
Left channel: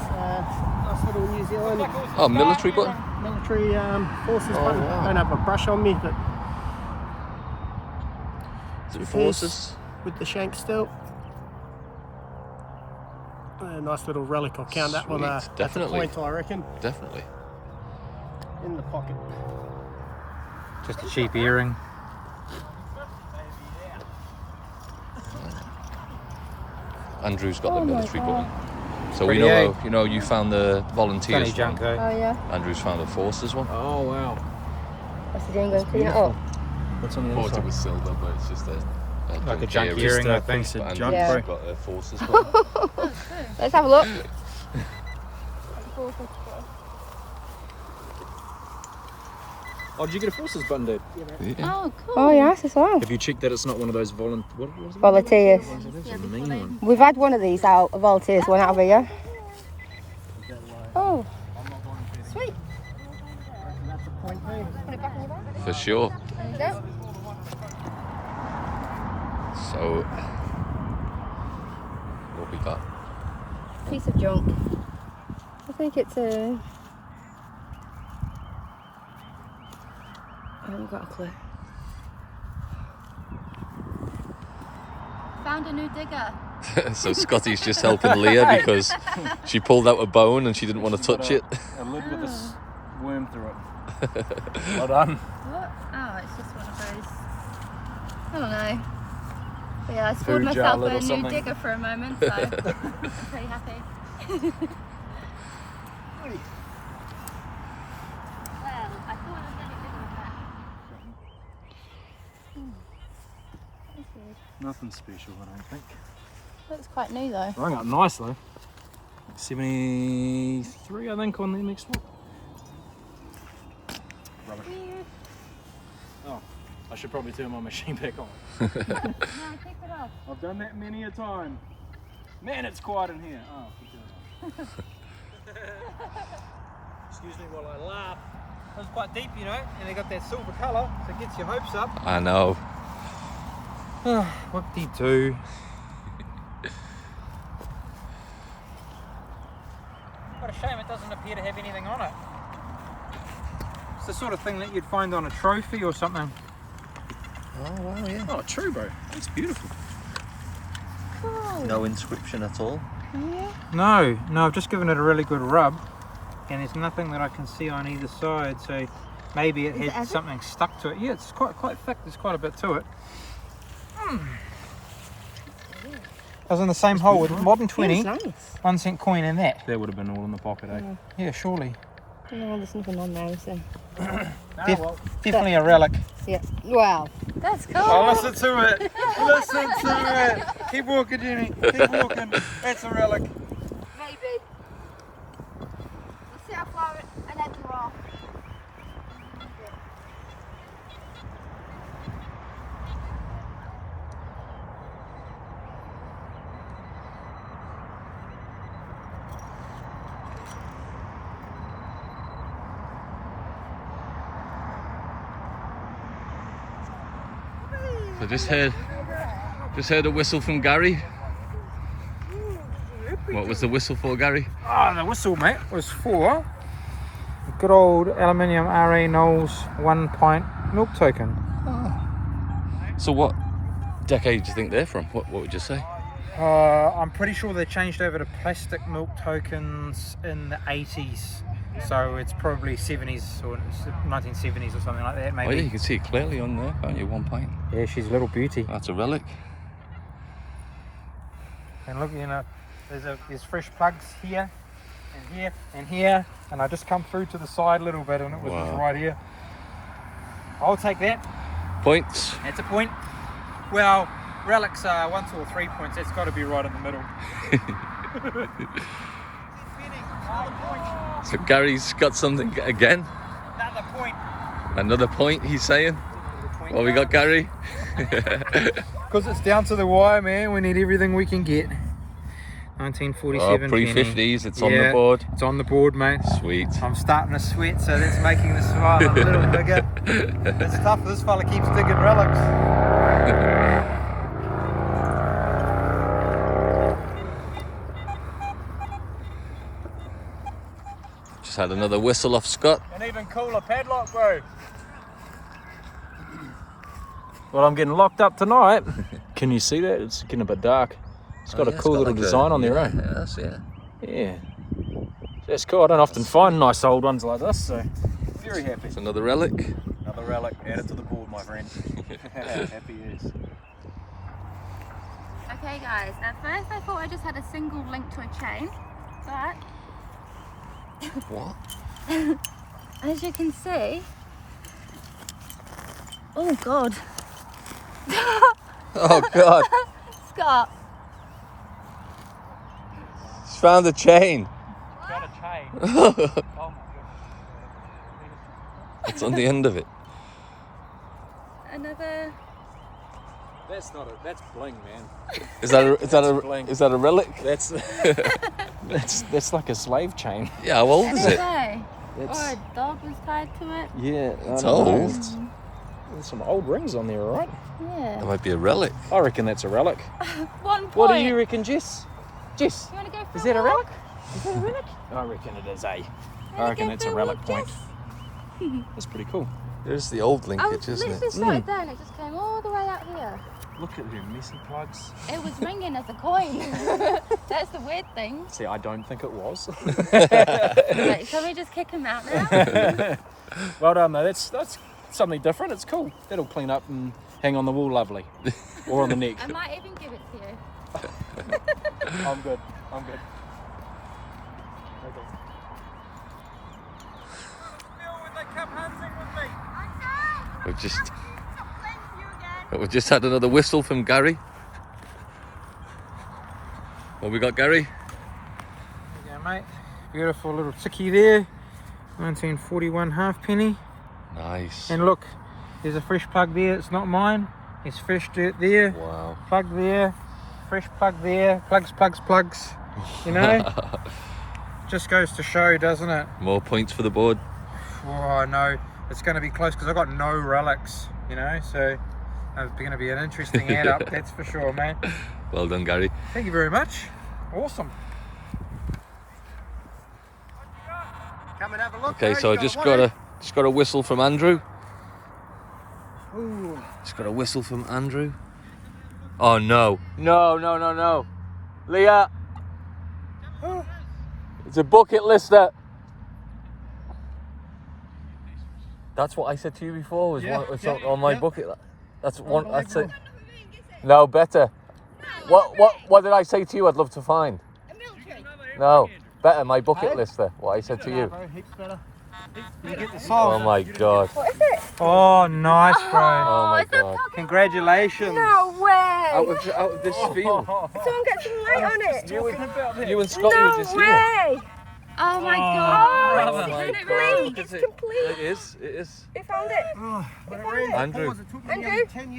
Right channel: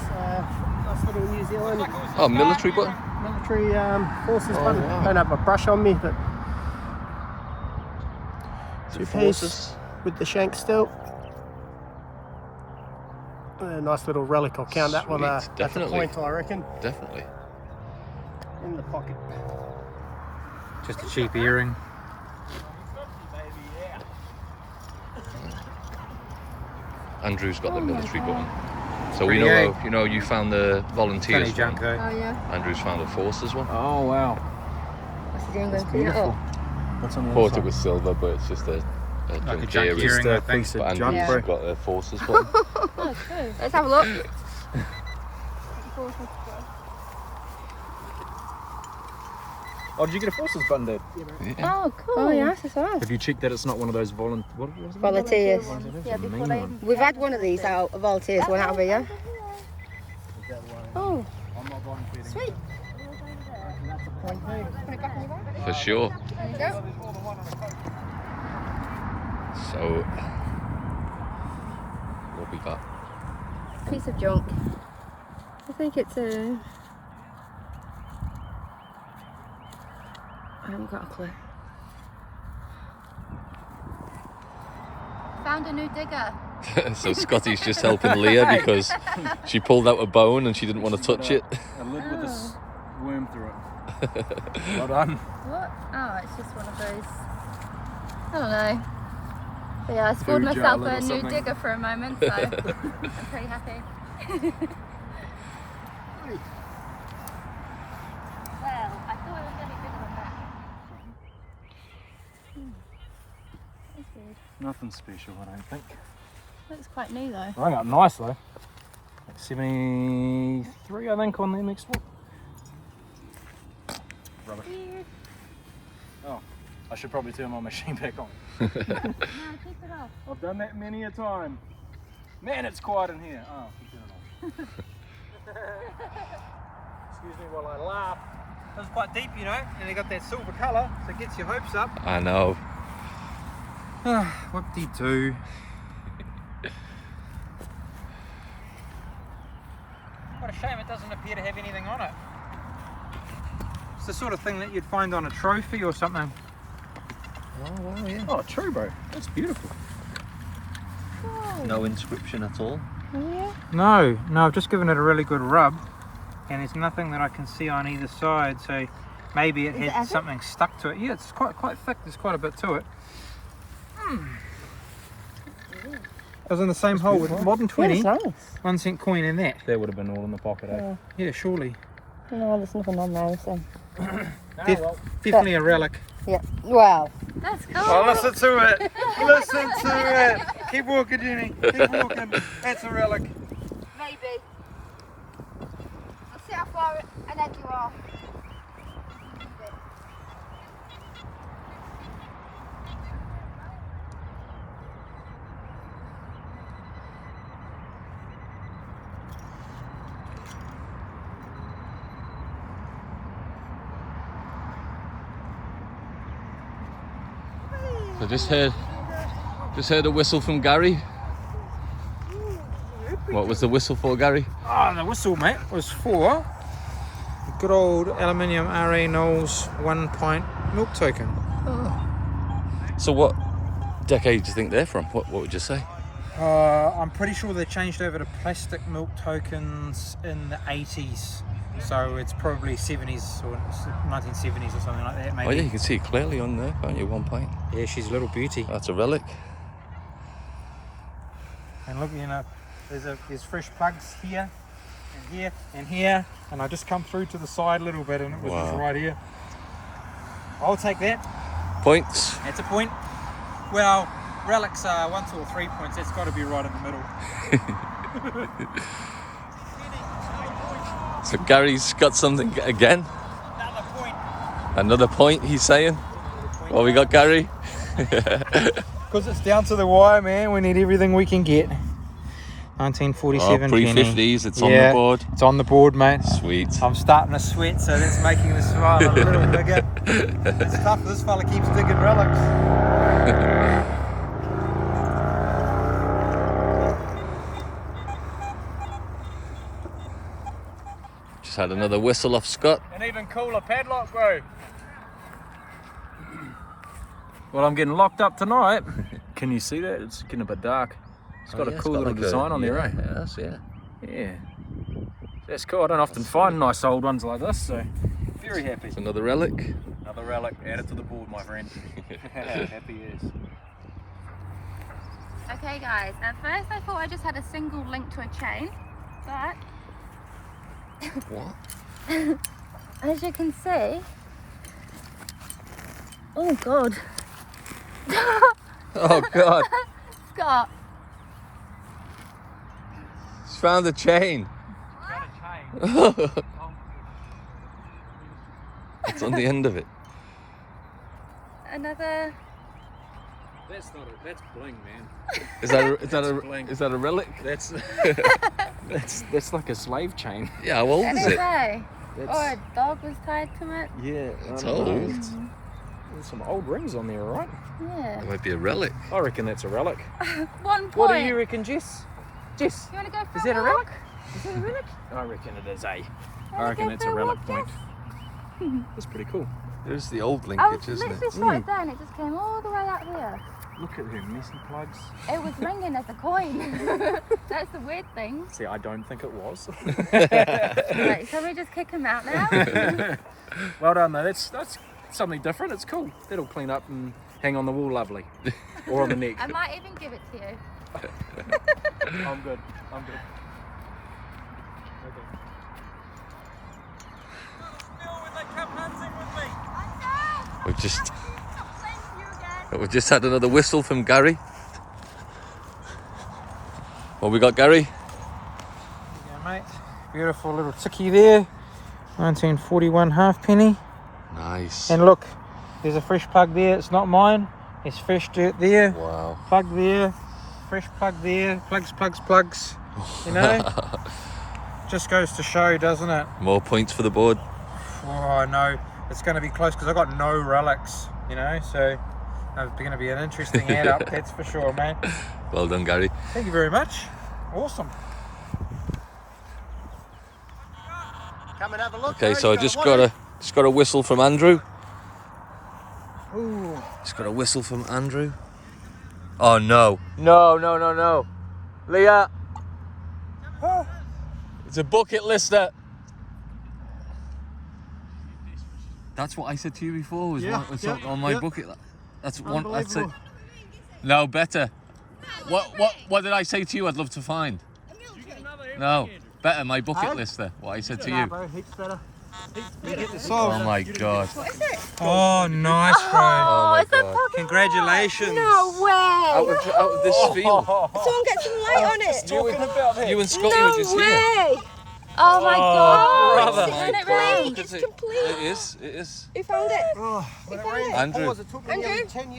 It's nice little New Zealand Oh, military button. military forces button. wow. Don't have a brush on me, but Is it forces? with the shank still. Nice little relic. I'll count that one Sweet, at the definitely. point, I reckon. Definitely. In the pocket. Just a cheap earring. Andrew's got the military button. So we know how, you know, you found the volunteers Funny junk one. though. Oh yeah. Andrew's found the forces one. Oh wow. That's the English. Beautiful. What's on the Thought other it side? was silver, but it's just a Like a junk junk earring. earring, I think. But Andrew's Yeah. got the forces one. Let's have a look. Oh, did you get a forces button, dude? Yeah. Oh, cool. Oh, yes, as well. Have you checked that it's not one of those what was it? Volunteers. It's a mean one. We've had one of these out, a volunteers one out of here. Oh, sweet. That's a point too. Put it back in your bag. For sure. There you go. So, what we got? Piece of junk. I think it's a... I haven't got a clue. Found a new digger. So Scotty's just helping Leah because she pulled out a bone and she didn't want to touch it. A lid with a worm through it. Well done. What? Oh, it's just one of those. I don't know. But yeah, I scored Food jar myself lid or a new something. digger for a moment, so I'm pretty happy. Well, I thought I was going to give it a back. That's good. Nothing special, I don't think. Looks quite new though. Rang up nice though. Like 73, I think, on the next one. Rubbish. Oh, I should probably turn my machine back on. No, keep it off. I've done that many a time. Man, it's quiet in here. Oh, keep it on. Excuse me while I laugh. That was quite deep, you know, and they got that silver colour, so it gets your hopes up. I know. Whoop-de-doo. What a shame it doesn't appear to have anything on it. It's the sort of thing that you'd find on a trophy or something. Oh wow, yeah. Oh, true, bro. That's beautiful. No inscription at all. No, I've just given it a really good rub, and there's nothing that I can see on either side, so maybe it had something stuck to it. Yeah, it's quite thick, there's quite a bit to it. I was in the same hole with modern 20, Nice. 1 cent coin in that. That would have been all in the pocket, eh? Yeah, surely. No, there's nothing on there, so. Definitely a relic. Yeah. Well, that's cool. Oh, listen to it. Listen to it. Keep walking, Jenny. Keep walking. That's a relic. Maybe. We'll see how far an edge you are. So just heard a whistle from Gary. What was the whistle for, Gary? Oh, the whistle, mate, was for a good old aluminium RE Knowles 1 pint milk token. So what decade do you think they're from? What would you say? I'm pretty sure they changed over to plastic milk tokens in the 80s. So it's probably 70s or 1970s or something like that, maybe. Oh yeah, you can see it clearly on there, can't you? 1 pint. Yeah, she's a little beauty. That's a relic. And look, you know, there's fresh plugs here, and here, and here, and I just come through to the side a little bit, and it was just Wow. right here. I'll take that. Points. That's a point. Well, relics are 1, 2, or 3 points. That's got to be right in the middle. Another point. So Gary's got something again. Another point. Another point, he's saying. What we got, Gary? Because it's down to the wire, man. We need everything we can get. 1947 Oh, penny. pre-50s, it's on the Yeah, board. It's on the board, mate. Sweet. I'm starting to sweat, so that's making the smile a little bigger. It's tough. This fella keeps digging relics. Just had another whistle off Scott. An even cooler padlock, bro. Well, I'm getting locked up tonight. Can you see that? It's getting a bit dark. It's got a cool little design on there. Yeah. Yeah. That's cool. I don't often find nice old ones like this, so very happy. It's another relic. Another relic. Add it to the board, my friend. Happy is. Okay guys, at first I thought I just had a single link to a chain, but What? as you can see, oh god, Oh God! Scott, He's found a chain. It's on the end of it. another, That's not a. That's bling, man. Is that a relic? That's that's like a slave chain. Yeah. How old is it? say, It's, or a dog was tied to it. yeah, It's I don't know. old. There's some old rings on there, right? Yeah. It might be a relic. I reckon that's a relic. 1 point. What do you reckon, Jess? Jess, You want to go for is a that a walk? relic? Is that a relic? I reckon it is, eh? Wanna I reckon go that's for a a relic walk, point. Jess? That's pretty cool. There's the old I was linkage, isn't literally it? straight down, it just came all the way up here. Look at her messy plugs. It was ringing as a coin. That's the weird thing. See, I don't think it was. Right, shall we just kick him out now? Well done, though. That's something different. It's cool. That'll clean up and hang on the wall lovely. Or on the neck. I might even give it to you. I'm good. I'm good. We've just had another whistle from Gary. What we got, Gary? There you go, mate. Beautiful little tickie there. 1941 halfpenny. Nice. And look, there's a fresh plug there. It's not mine. There's fresh dirt there. Wow. Plug there. Fresh plug there. Plugs. You know? Just goes to show, doesn't it? More points for the board. Oh, I know. It's going to be close because I've got no relics, you know, so it's going to be an interesting add up, that's for sure, man. Well done, Gary. Thank you very much. Awesome. Come and have a look. Okay, bro. so I You just want got a whistle from Andrew. it? Ooh. Just got a whistle from Andrew. Oh no. No. Leah. It's a bucket lister. That's what I said to you before. Was Yeah, was yeah, on my yeah. bucket. That's one. That's it. Unbelievable. No, better. What did I say to you? I'd love to find. No, better my bucket lister. What I said to you. Oh my God. What is it? Oh, nice, bro. Oh my it's a God. pocket Congratulations. No way! Out of this field. Someone get some light on it! You and Scotty were just here. way! Oh my god! Oh my Isn't it God. really? Look at It's it. complete! It is. Who found it? Who found it? Andrew.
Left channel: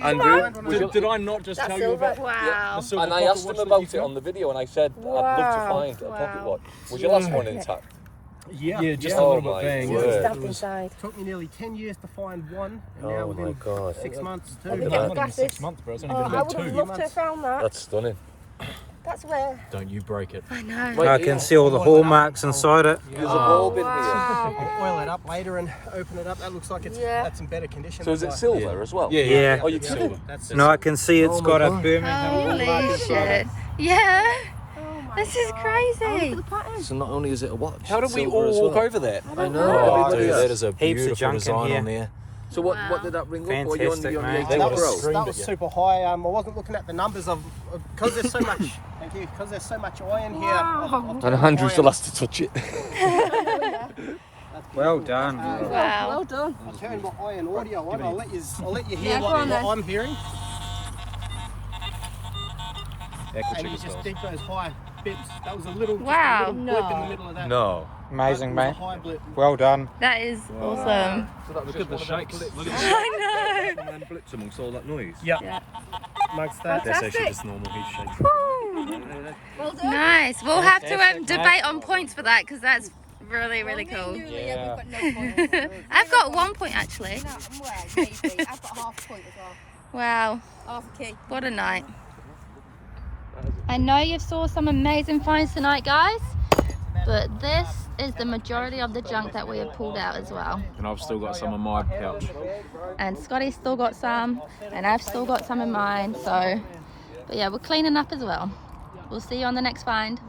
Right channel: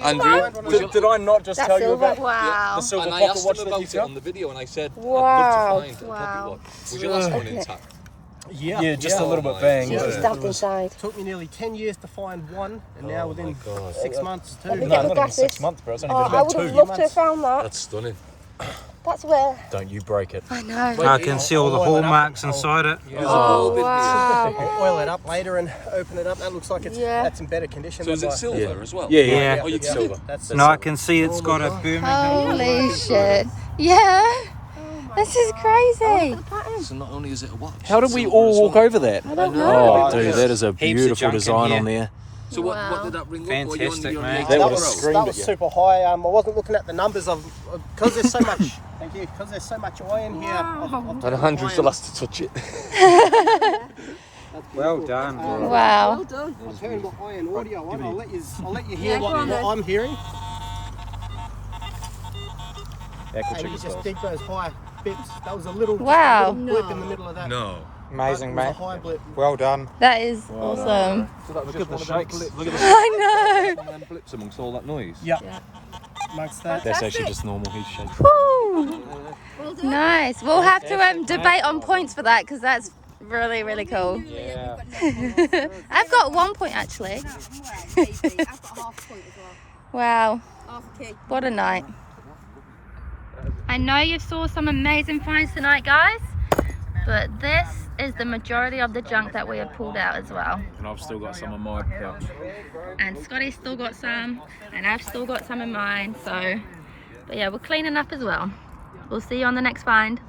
Andrew. Would you- Did I not just tell you about Wow. the silver And I pocket asked watch him that about you it found? on the video, and I said I'd Wow. love to find a pocket Wow. watch. Was your last one intact? Yeah, just Yeah. a little Oh bit my bang. word. Stuffed inside. Took me nearly 10 years to find one, and Oh now my within God. 6 months too. No, get the not even glasses. 6 months, bro. It's only been I about would have 2. loved to have found that. That's stunning. That's where. Don't you break it. I know. Wait, I can see all the hallmarks inside it. There's a bulb in here. Wow. Oil it up later and open it up. That looks like that's in better condition. So is than it my- silver as well? Yeah. Oh, you can silver. That's No, I can see it's got a Birmingham. Holy shit. Yeah. This is crazy. So not only is it a watch. How did it's we silver all as walk well. over that? I know. Oh, Yeah. dude, that is a Heaps of beautiful junk in design here. on there. So what did that ring up? Were you on Fantastic, the mate. 8 That Pro? would've screamed that at was you. super high. I wasn't looking at the numbers of because there's so much. Thank you. Because there's so much iron here. I've turned my iron- last to touch it. That's Well beautiful. done. Wow. I turned my iron audio on. I'll let you hear what I'm hearing. And you just dig those high bits. That was a little, Wow. just a little blip in the middle of that. No. Amazing, That mate. was a high blip. Well done. That is awesome. Look at the shakes. Look at the I know. Blips amongst all that noise. Yeah. Amongst that. That's actually just normal heat shakes. Woo. Nice. We'll have to debate on points for that because that's really, really cool. I've got 1 point actually. Wow. What a night. I know you've saw some amazing finds tonight, guys, but this is the majority of the junk that we have pulled out as well. And I've still got some in my pouch. And Scotty's still got some, and I've still got some in mine, so, but yeah, we're cleaning up as well. We'll see you on the next find.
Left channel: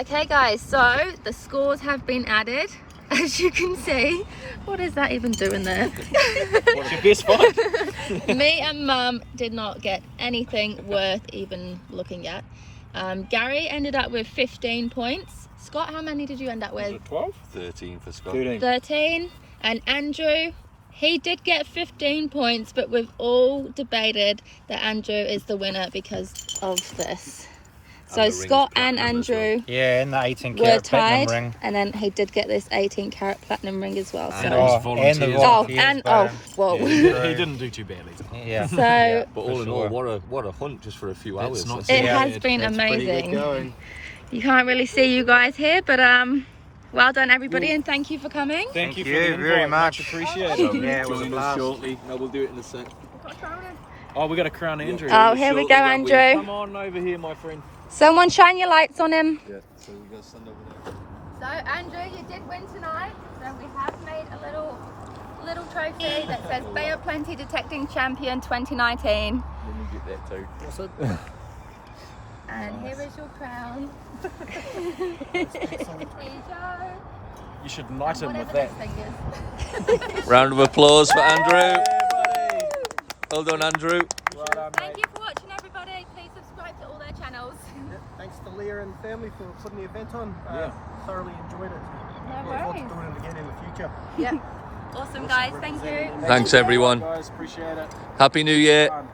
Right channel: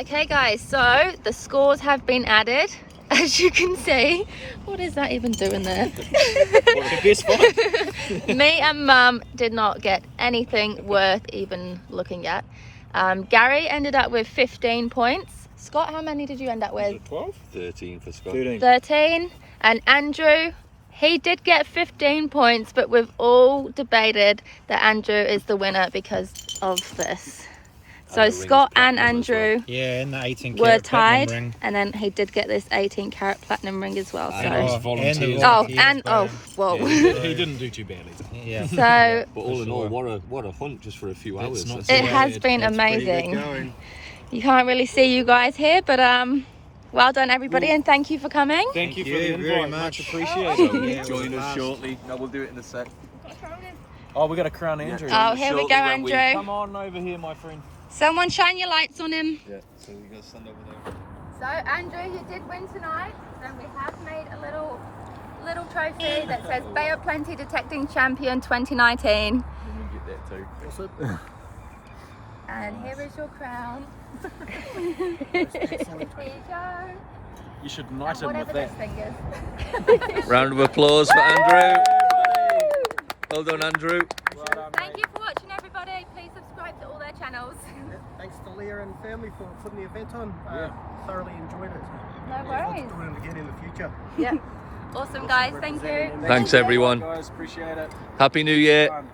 Okay guys, so the scores have been added. As you can see, what is that even doing there? What's the best find? Me and Mum did not get anything worth even looking at. Gary ended up with 15 points. Scott, how many did you end up with? 12? 13 for Scott. 13. And Andrew, he did get 15 points, but we've all debated that Andrew is the winner because of this. So Scott and Andrew Yeah, and the 18 were carat tied, platinum ring. and then he did get this 18 carat platinum ring as well. And So, those volunteers. and the oh, volunteers, and but, whoa. He didn't do too badly. yeah. So But all in all, what a hunt just for a few hours. not it Yeah, has been that's pretty good amazing. going. You can't really see you guys here, but well done everybody, and thank you for coming. Thank you you for the very invite, much. appreciated. So Yeah, join we'll us pass. shortly. No, we'll do it in a sec. Oh, we're going to crown Andrew. Oh, here we go, Shortly when we- Andrew. Come on over here, my friend. Someone shine your lights on him. Yeah, so we're going to stand over there. So Andrew, you did win tonight. So we have made a little trophy that says Bay of Plenty Detecting Champion 2019. Let me get that too. And here is your crown. Here you go. You should knight him with Whatever that. this thing is. Round of applause for Andrew. Well done, Andrew. Thank you for watching, everybody. Please subscribe to all their channels. Thanks to Leah and family for putting the event on. Thoroughly enjoyed it. No Look forward worries. to doing it again in the future. Yep. Awesome, guys. Thank you. Representing them. Thanks, everyone. Guys, appreciate it. Happy New Year. Fun.